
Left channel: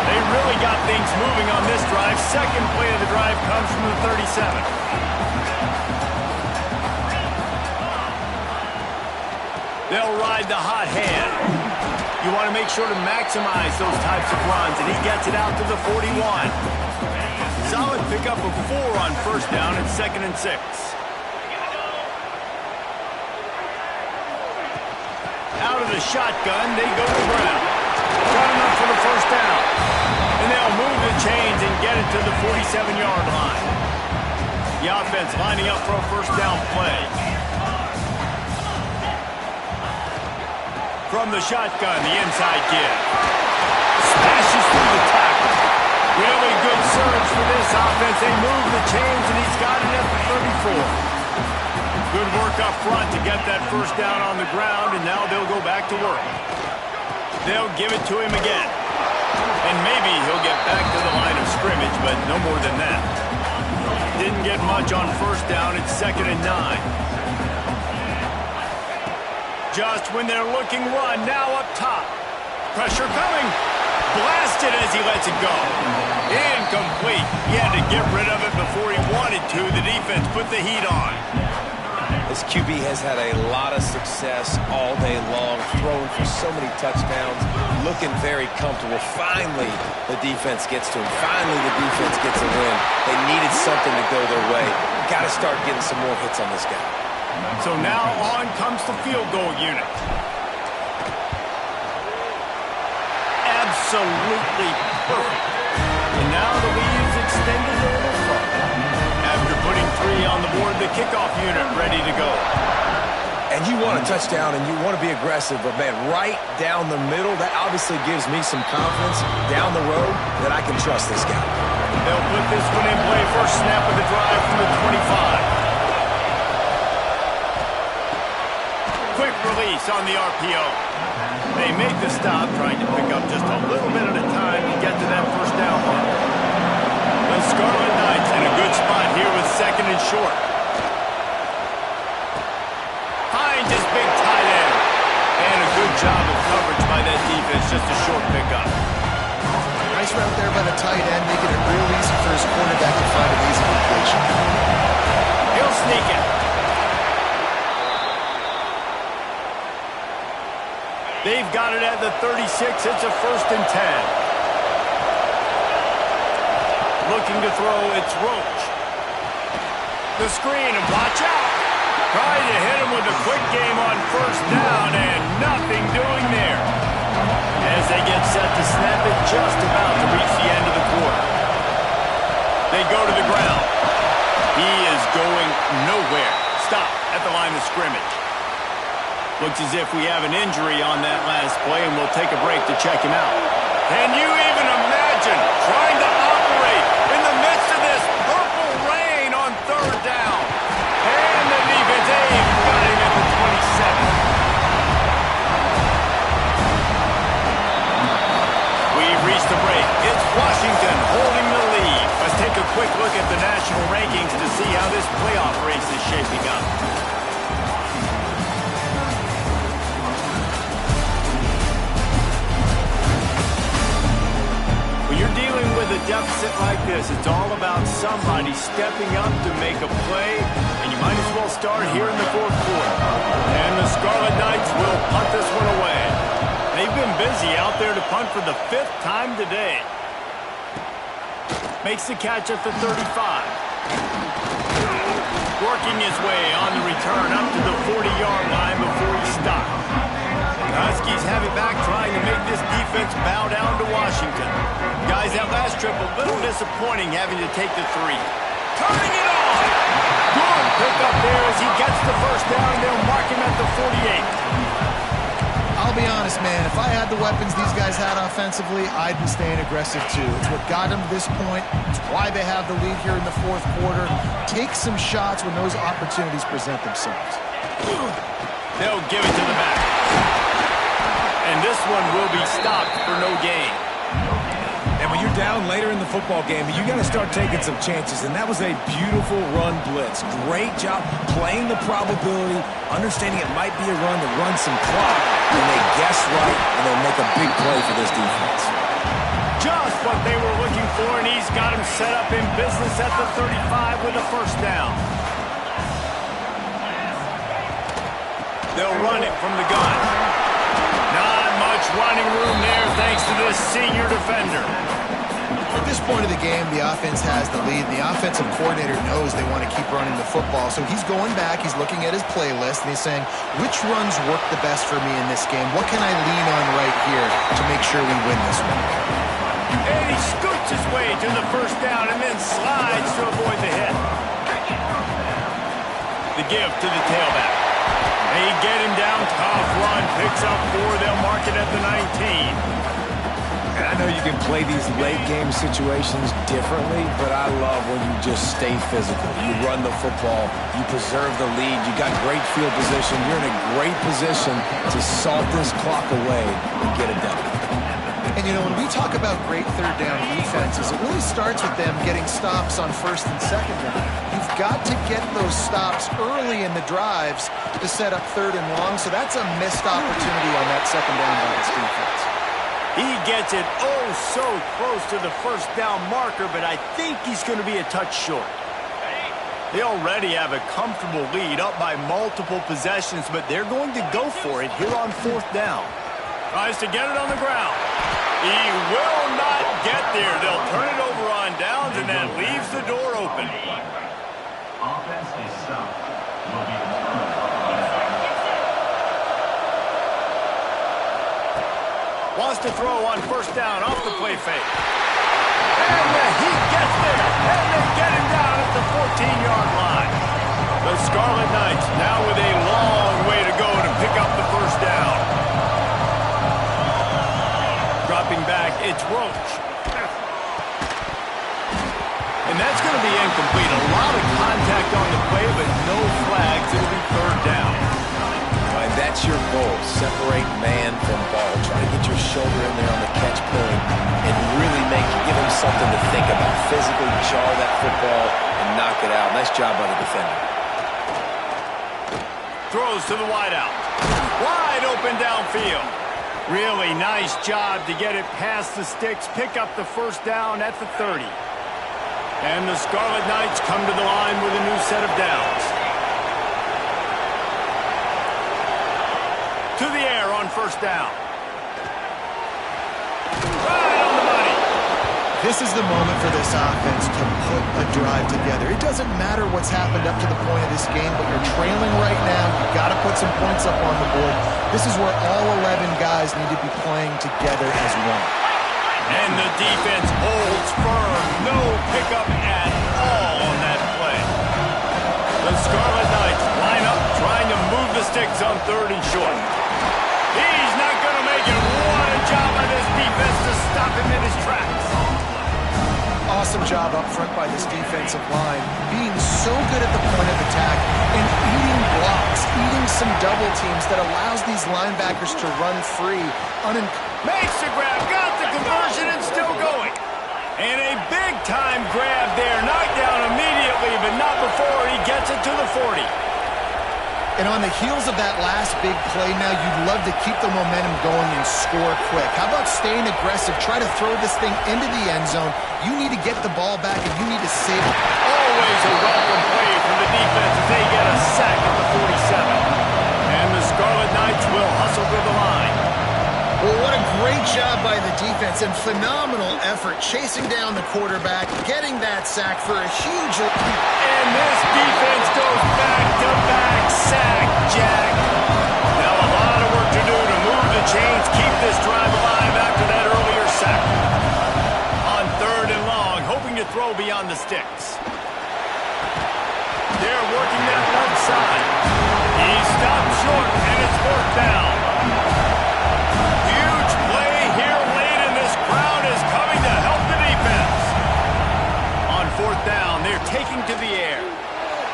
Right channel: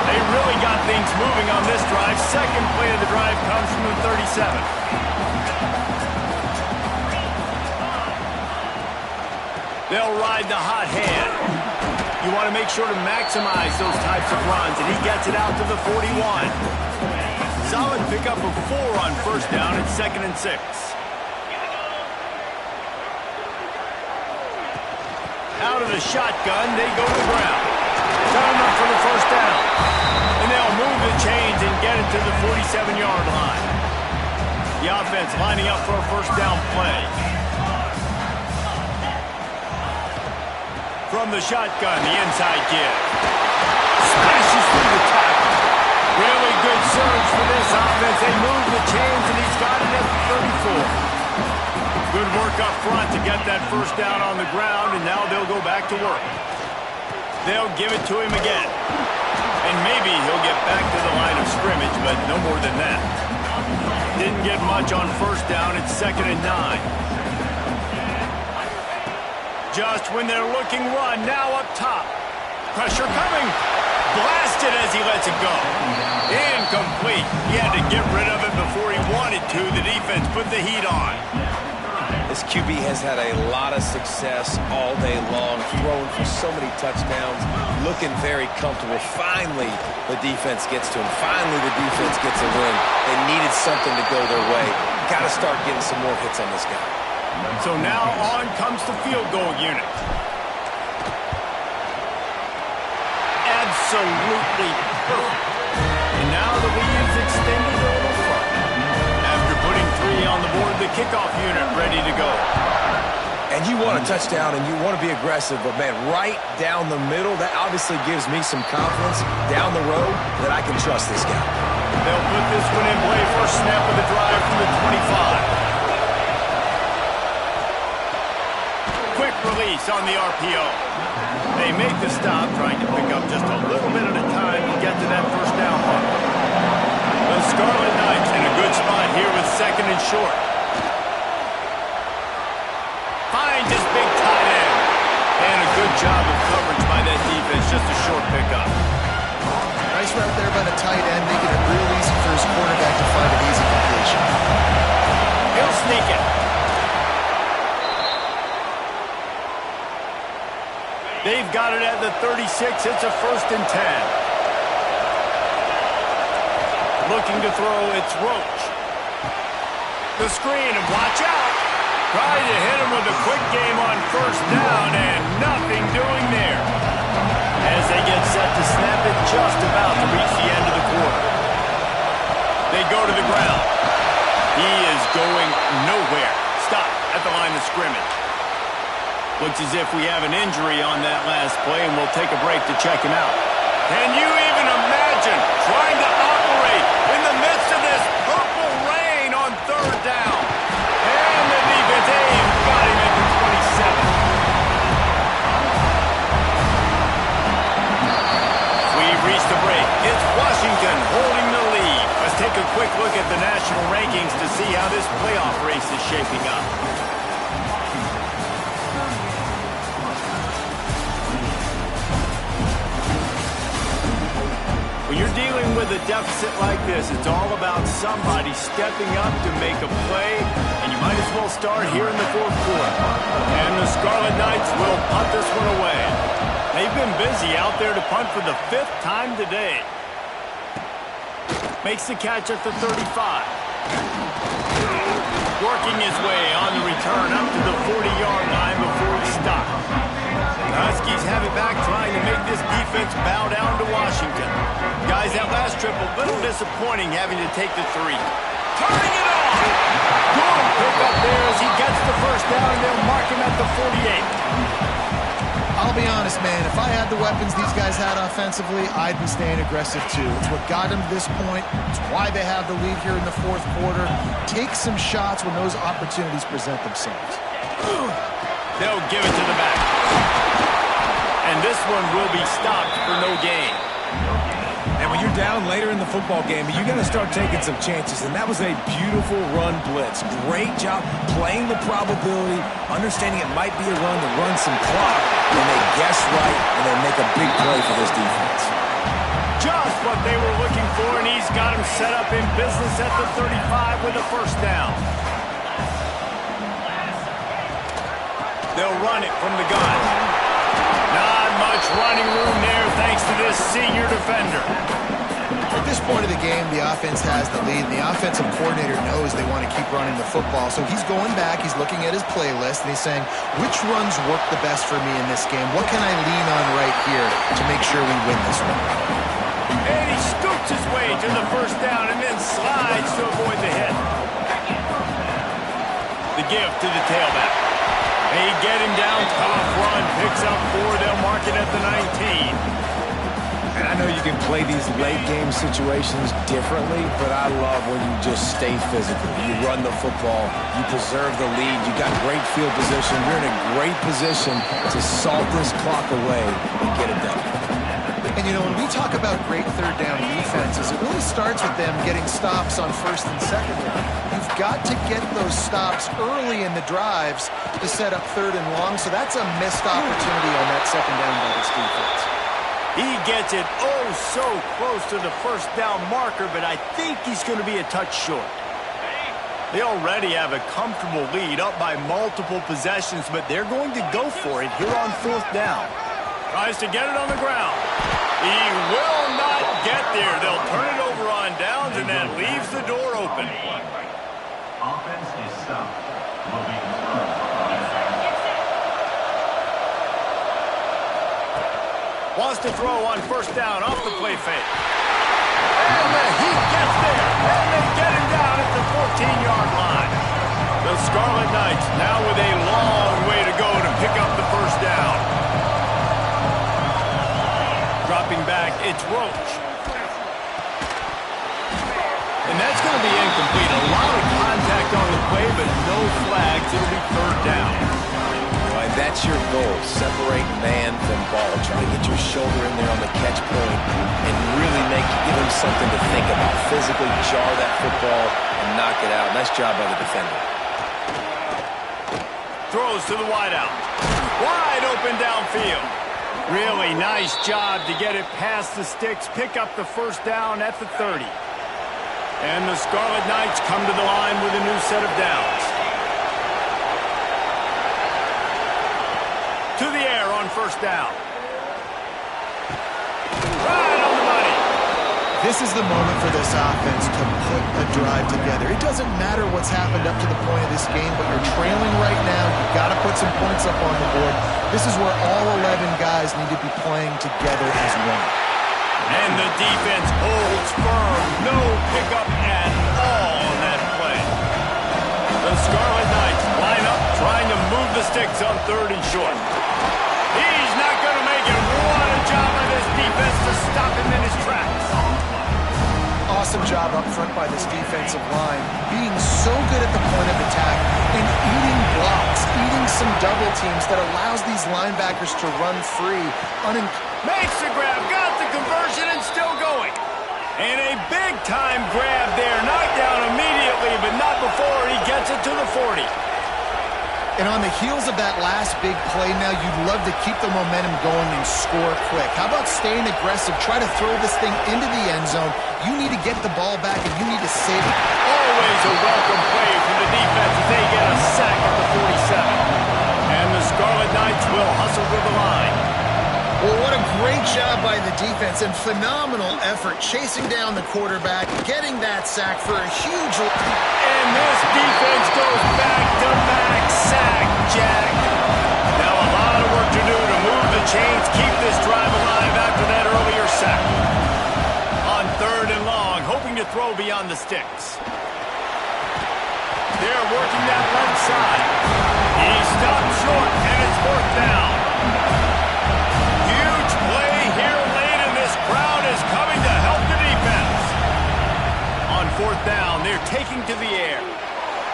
They really got things moving on this drive. 2nd play of the drive comes from the 37. They'll ride the hot hand. You want to make sure to maximize those types of runs, and he gets it out to the 41. Solid pickup of 4 on 1st down and 2nd and 6. Out of the shotgun, they go to the ground. Got enough for the 1st down. And they'll move the chains and get it to the 47-yard line. The offense lining up for a 1st down play. From the shotgun, the inside give. Smashes through the tackle. Really good surge for this offense. They move the chains, and he's got it at the 34. Good work up front to get that 1st down on the ground, and now they'll go back to work. They'll give it to him again. And maybe he'll get back to the line of scrimmage, but no more than that. Didn't get much on 1st down. It's 2nd and 9. Just when they're looking run, now up top. Pressure coming. Blasted as he lets it go. Incomplete. He had to get rid of it before he wanted to. The defense put the heat on. This QB has had a lot of success all day long, throwing for so many touchdowns, looking very comfortable. Finally, the defense gets to him. Finally, the defense gets a win. They needed something to go their way. Got to start getting some more hits on this guy. So now on comes the field goal unit. Absolutely perfect. And now the lead is extended a little further. After putting 3 on the board, the kickoff unit ready to go. And you want a touchdown and you want to be aggressive, but man, right down the middle, that obviously gives me some confidence down the road that I can trust this guy. They'll put this one in play. First snap of the drive from the 25. Quick release on the RPO. They make the stop, trying to pick up just a little bit at a time to get to that first down mark. The Scarlet Knights in a good spot here with 2nd and short. Finds his big tight end. And a good job of coverage by that defense, just a short pickup. Nice route there by the tight end, making it real easy for his quarterback to find an easy completion. He'll sneak it. They've got it at the 36. It's a 1st and 10. Looking to throw, it's Roach. The screen, and watch out. Trying to hit him with a quick game on 1st down, and nothing doing there. As they get set to snap it, just about to reach the end of the quarter. They go to the ground. He is going nowhere. Stop at the line of scrimmage. Looks as if we have an injury on that last play, and we'll take a break to check him out. Can you even imagine trying to operate in the midst of this purple rain on 3rd down? And the defense, they've got him at the 27. We've reached the break. It's Washington holding the lead. Let's take a quick look at the national rankings to see how this playoff race is shaping up. When you're dealing with a deficit like this, it's all about somebody stepping up to make a play, and you might as well start here in the 4th quarter. And the Scarlet Knights will punt this one away. They've been busy out there to punt for the 5th time today. Makes the catch at the 35. Working his way on the return up to the 40-yard line before he stops. Huskies have it back, trying to make this defense bow down to Washington. Guys, that last trip a little disappointing, having to take the 3. Turning it on! Good pickup there as he gets the 1st down, and they'll mark him at the 48. I'll be honest, man, if I had the weapons these guys had offensively, I'd be staying aggressive too. It's what got them to this point. It's why they have the lead here in the 4th quarter. Take some shots when those opportunities present themselves. They'll give it to the back. And this one will be stopped for no gain. And when you're down later in the football game, you got to start taking some chances. And that was a beautiful run blitz. Great job playing the probability, understanding it might be a run to run some clock. And they guess right, and they make a big play for this defense. Just what they were looking for, and he's got him set up in business at the 35 with a 1st down. They'll run it from the gun. Not much running room there thanks to this senior defender. At this point of the game, the offense has the lead, and the offensive coordinator knows they want to keep running the football. So he's going back, he's looking at his playlist, and he's saying, which runs work the best for me in this game? What can I lean on right here to make sure we win this one? And he scoots his way to the 1st down and then slides to avoid the hit. The give to the tailback. They get him down, tough run, picks up 4, they'll mark it at the 19. And I know you can play these late game situations differently, but I love when you just stay physical. You run the football, you preserve the lead, you got great field position, you're in a great position to salt this clock away and get it done. And, you know, when we talk about great 3rd down defenses, it really starts with them getting stops on 1st and 2nd down. You've got to get those stops early in the drives to set up 3rd and long, so that's a missed opportunity on that 2nd down by this defense. He gets it oh so close to the 1st down marker, but I think he's going to be a touch short. They already have a comfortable lead, up by multiple possessions, but they're going to go for it here on 4th down. Tries to get it on the ground. He will not get there. They'll turn it over on downs, and that leaves the door open. Offense is stopped. Will be returned. Wants to throw on 1st down off the play fake. And he gets there. And they get him down at the 14-yard line. The Scarlet Knights now with a long way to go to pick up the 1st down. Dropping back, it's Roach. And that's going to be incomplete. A lot of contact on the play, but no flags. It'll be 3rd down. And that's your goal. Separate man from ball. Try to get your shoulder in there on the catch point and really give him something to think about. Physically jar that football and knock it out. Nice job by the defender. Throws to the wideout. Wide open downfield. Really nice job to get it past the sticks. Pick up the 1st down at the 30. And the Scarlet Knights come to the line with a new set of downs. To the air on 1st down. Right on the money. This is the moment for this offense to put a drive together. It doesn't matter what's happened up to the point of this game, but you're trailing right now. You've got to put some points up on the board. This is where all 11 guys need to be playing together as one. And the defense holds firm. No pickup at all on that play. The Scarlet Knights line up, trying to move the sticks on 3rd and short. He's not going to make it. What a job by this defense to stop him in his tracks. Awesome job up front by this defensive line, being so good at the point of attack and eating blocks, eating some double teams that allows these linebackers to run free. Makes the grab, got the conversion, and still going. And a big-time grab there. Knocked down immediately, but not before he gets it to the 40. And on the heels of that last big play now, you'd love to keep the momentum going and score quick. How about staying aggressive? Try to throw this thing into the end zone. You need to get the ball back, and you need to save it. Always a welcome play from the defense as they get a sack at the 47. And the Scarlet Knights will hustle to the line. Well, what a great job by the defense and phenomenal effort chasing down the quarterback, getting that sack for a huge... And this defense goes back-to-back sack, Jack. Now a lot of work to do to move the chains, keep this drive alive after that earlier sack. On 3rd and long, hoping to throw beyond the sticks. They're working that left side. He stopped short, and it's 4th down. Huge play here late, and this crowd is coming to help the defense. On 4th down, they're taking to the air.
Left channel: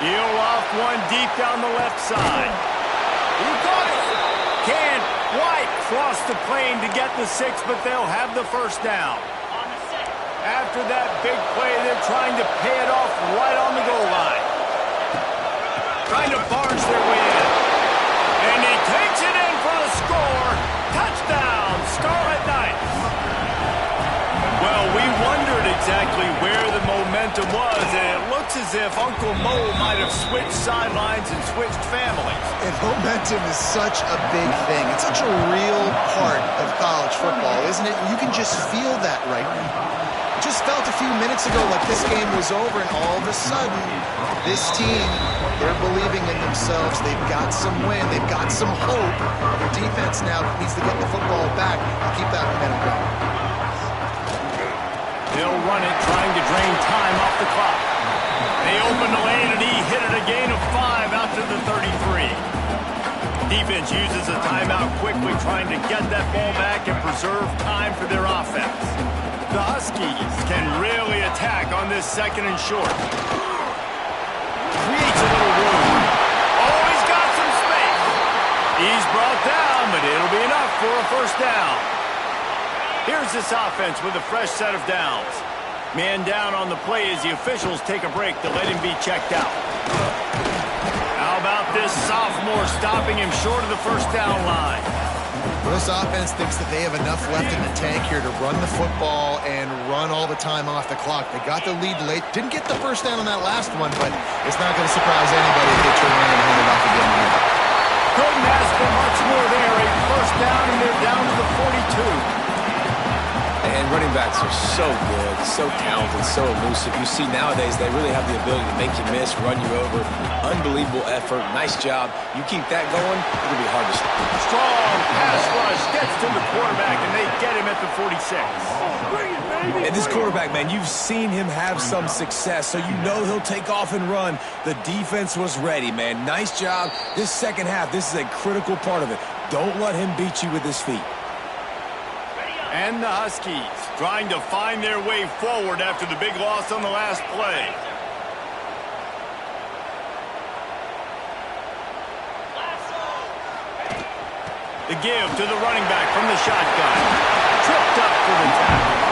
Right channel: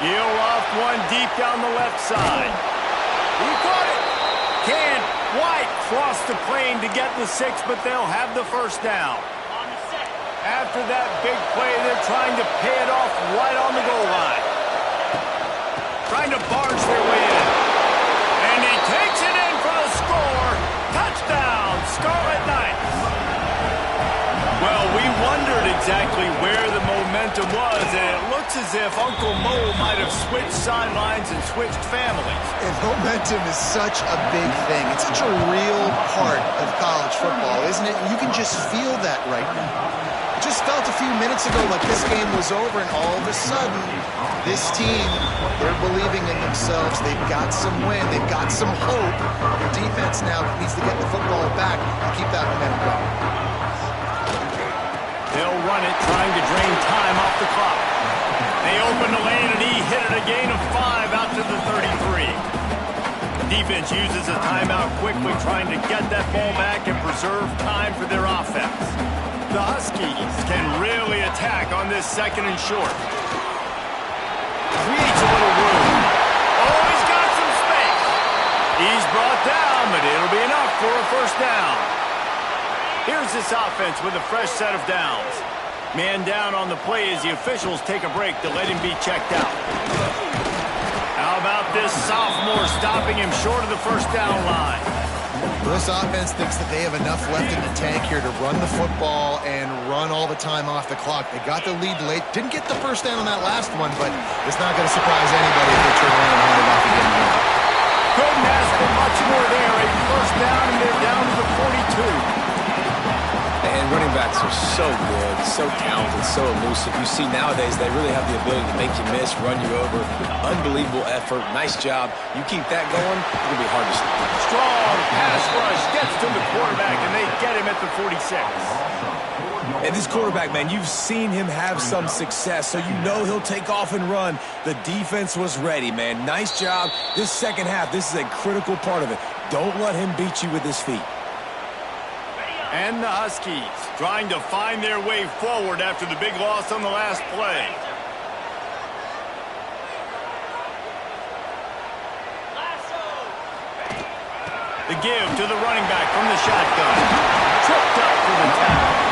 He'll loft one deep down the left side. He caught it. Can't quite cross the plane to get the 6, but they'll have the 1st down. After that big play, they're trying to pay it off right on the goal line. Trying to barge their way in. And he takes it in for the score. Touchdown, Scarlet Knights. Well, we wondered exactly where the momentum was, and it looks as if Uncle Mo might have switched sidelines and switched families. And momentum is such a big thing. It's such a real part of college football, isn't it? You can just feel that right now. It just felt a few minutes ago like this game was over, and all of a sudden, this team, they're believing in themselves. They've got some win. They've got some hope. The defense now needs to get the football back and keep that momentum going. They'll run it, trying to drain time off the clock. They open the lane, and he hit it a gain of 5 out to the 33. Defense uses a timeout quickly, trying to get that ball back and preserve time for their offense. The Huskies can really attack on this 2nd and short. Creates a little room. Oh, he's got some space. He's brought down, but it'll be enough for a 1st down. Here's this offense with a fresh set of downs. Man down on the play as the officials take a break to let him be checked out. How about this sophomore stopping him short of the 1st down line? Well, this offense thinks that they have enough left in the tank here to run the football and run all the time off the clock. They got the lead late. Didn't get the first down on that last one, but it's not going to surprise anybody if they turn around and hand it off again here. Couldn't ask for much more there. A first down, and they're down to the 42. And running backs are so good, so talented, so elusive. You see nowadays they really have the ability to make you miss, run you over. Unbelievable effort. Nice job. You keep that going, it'll be hard to stop. Strong pass rush gets to the quarterback, and they get him at the 46. And this quarterback, man, you've seen him have some success, so you know he'll take off and run. The defense was ready, man. Nice job. This second half, this is a critical part of it. Don't let him beat you with his feet. And the Huskies trying to find their way forward after the big loss on the last play. The give to the running back from the shotgun. Tripped up for the tackle.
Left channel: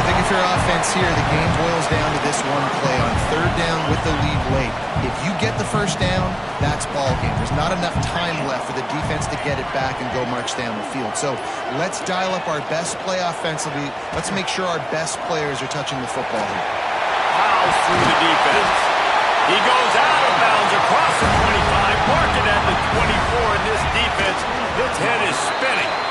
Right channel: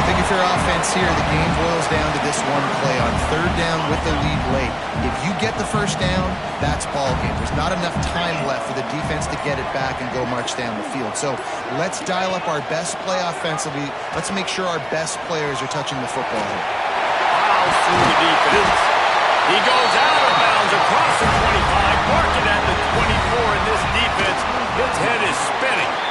I think if you're offense here, the game boils down to this one play on third down with the lead late. If you get the first down, that's ball game. There's not enough time left for the defense to get it back and go march down the field. So let's dial up our best play offensively. Let's make sure our best players are touching the football here. Plows through the defense. He goes out of bounds across the 25, marking at the 24, and this defense, its head is spinning.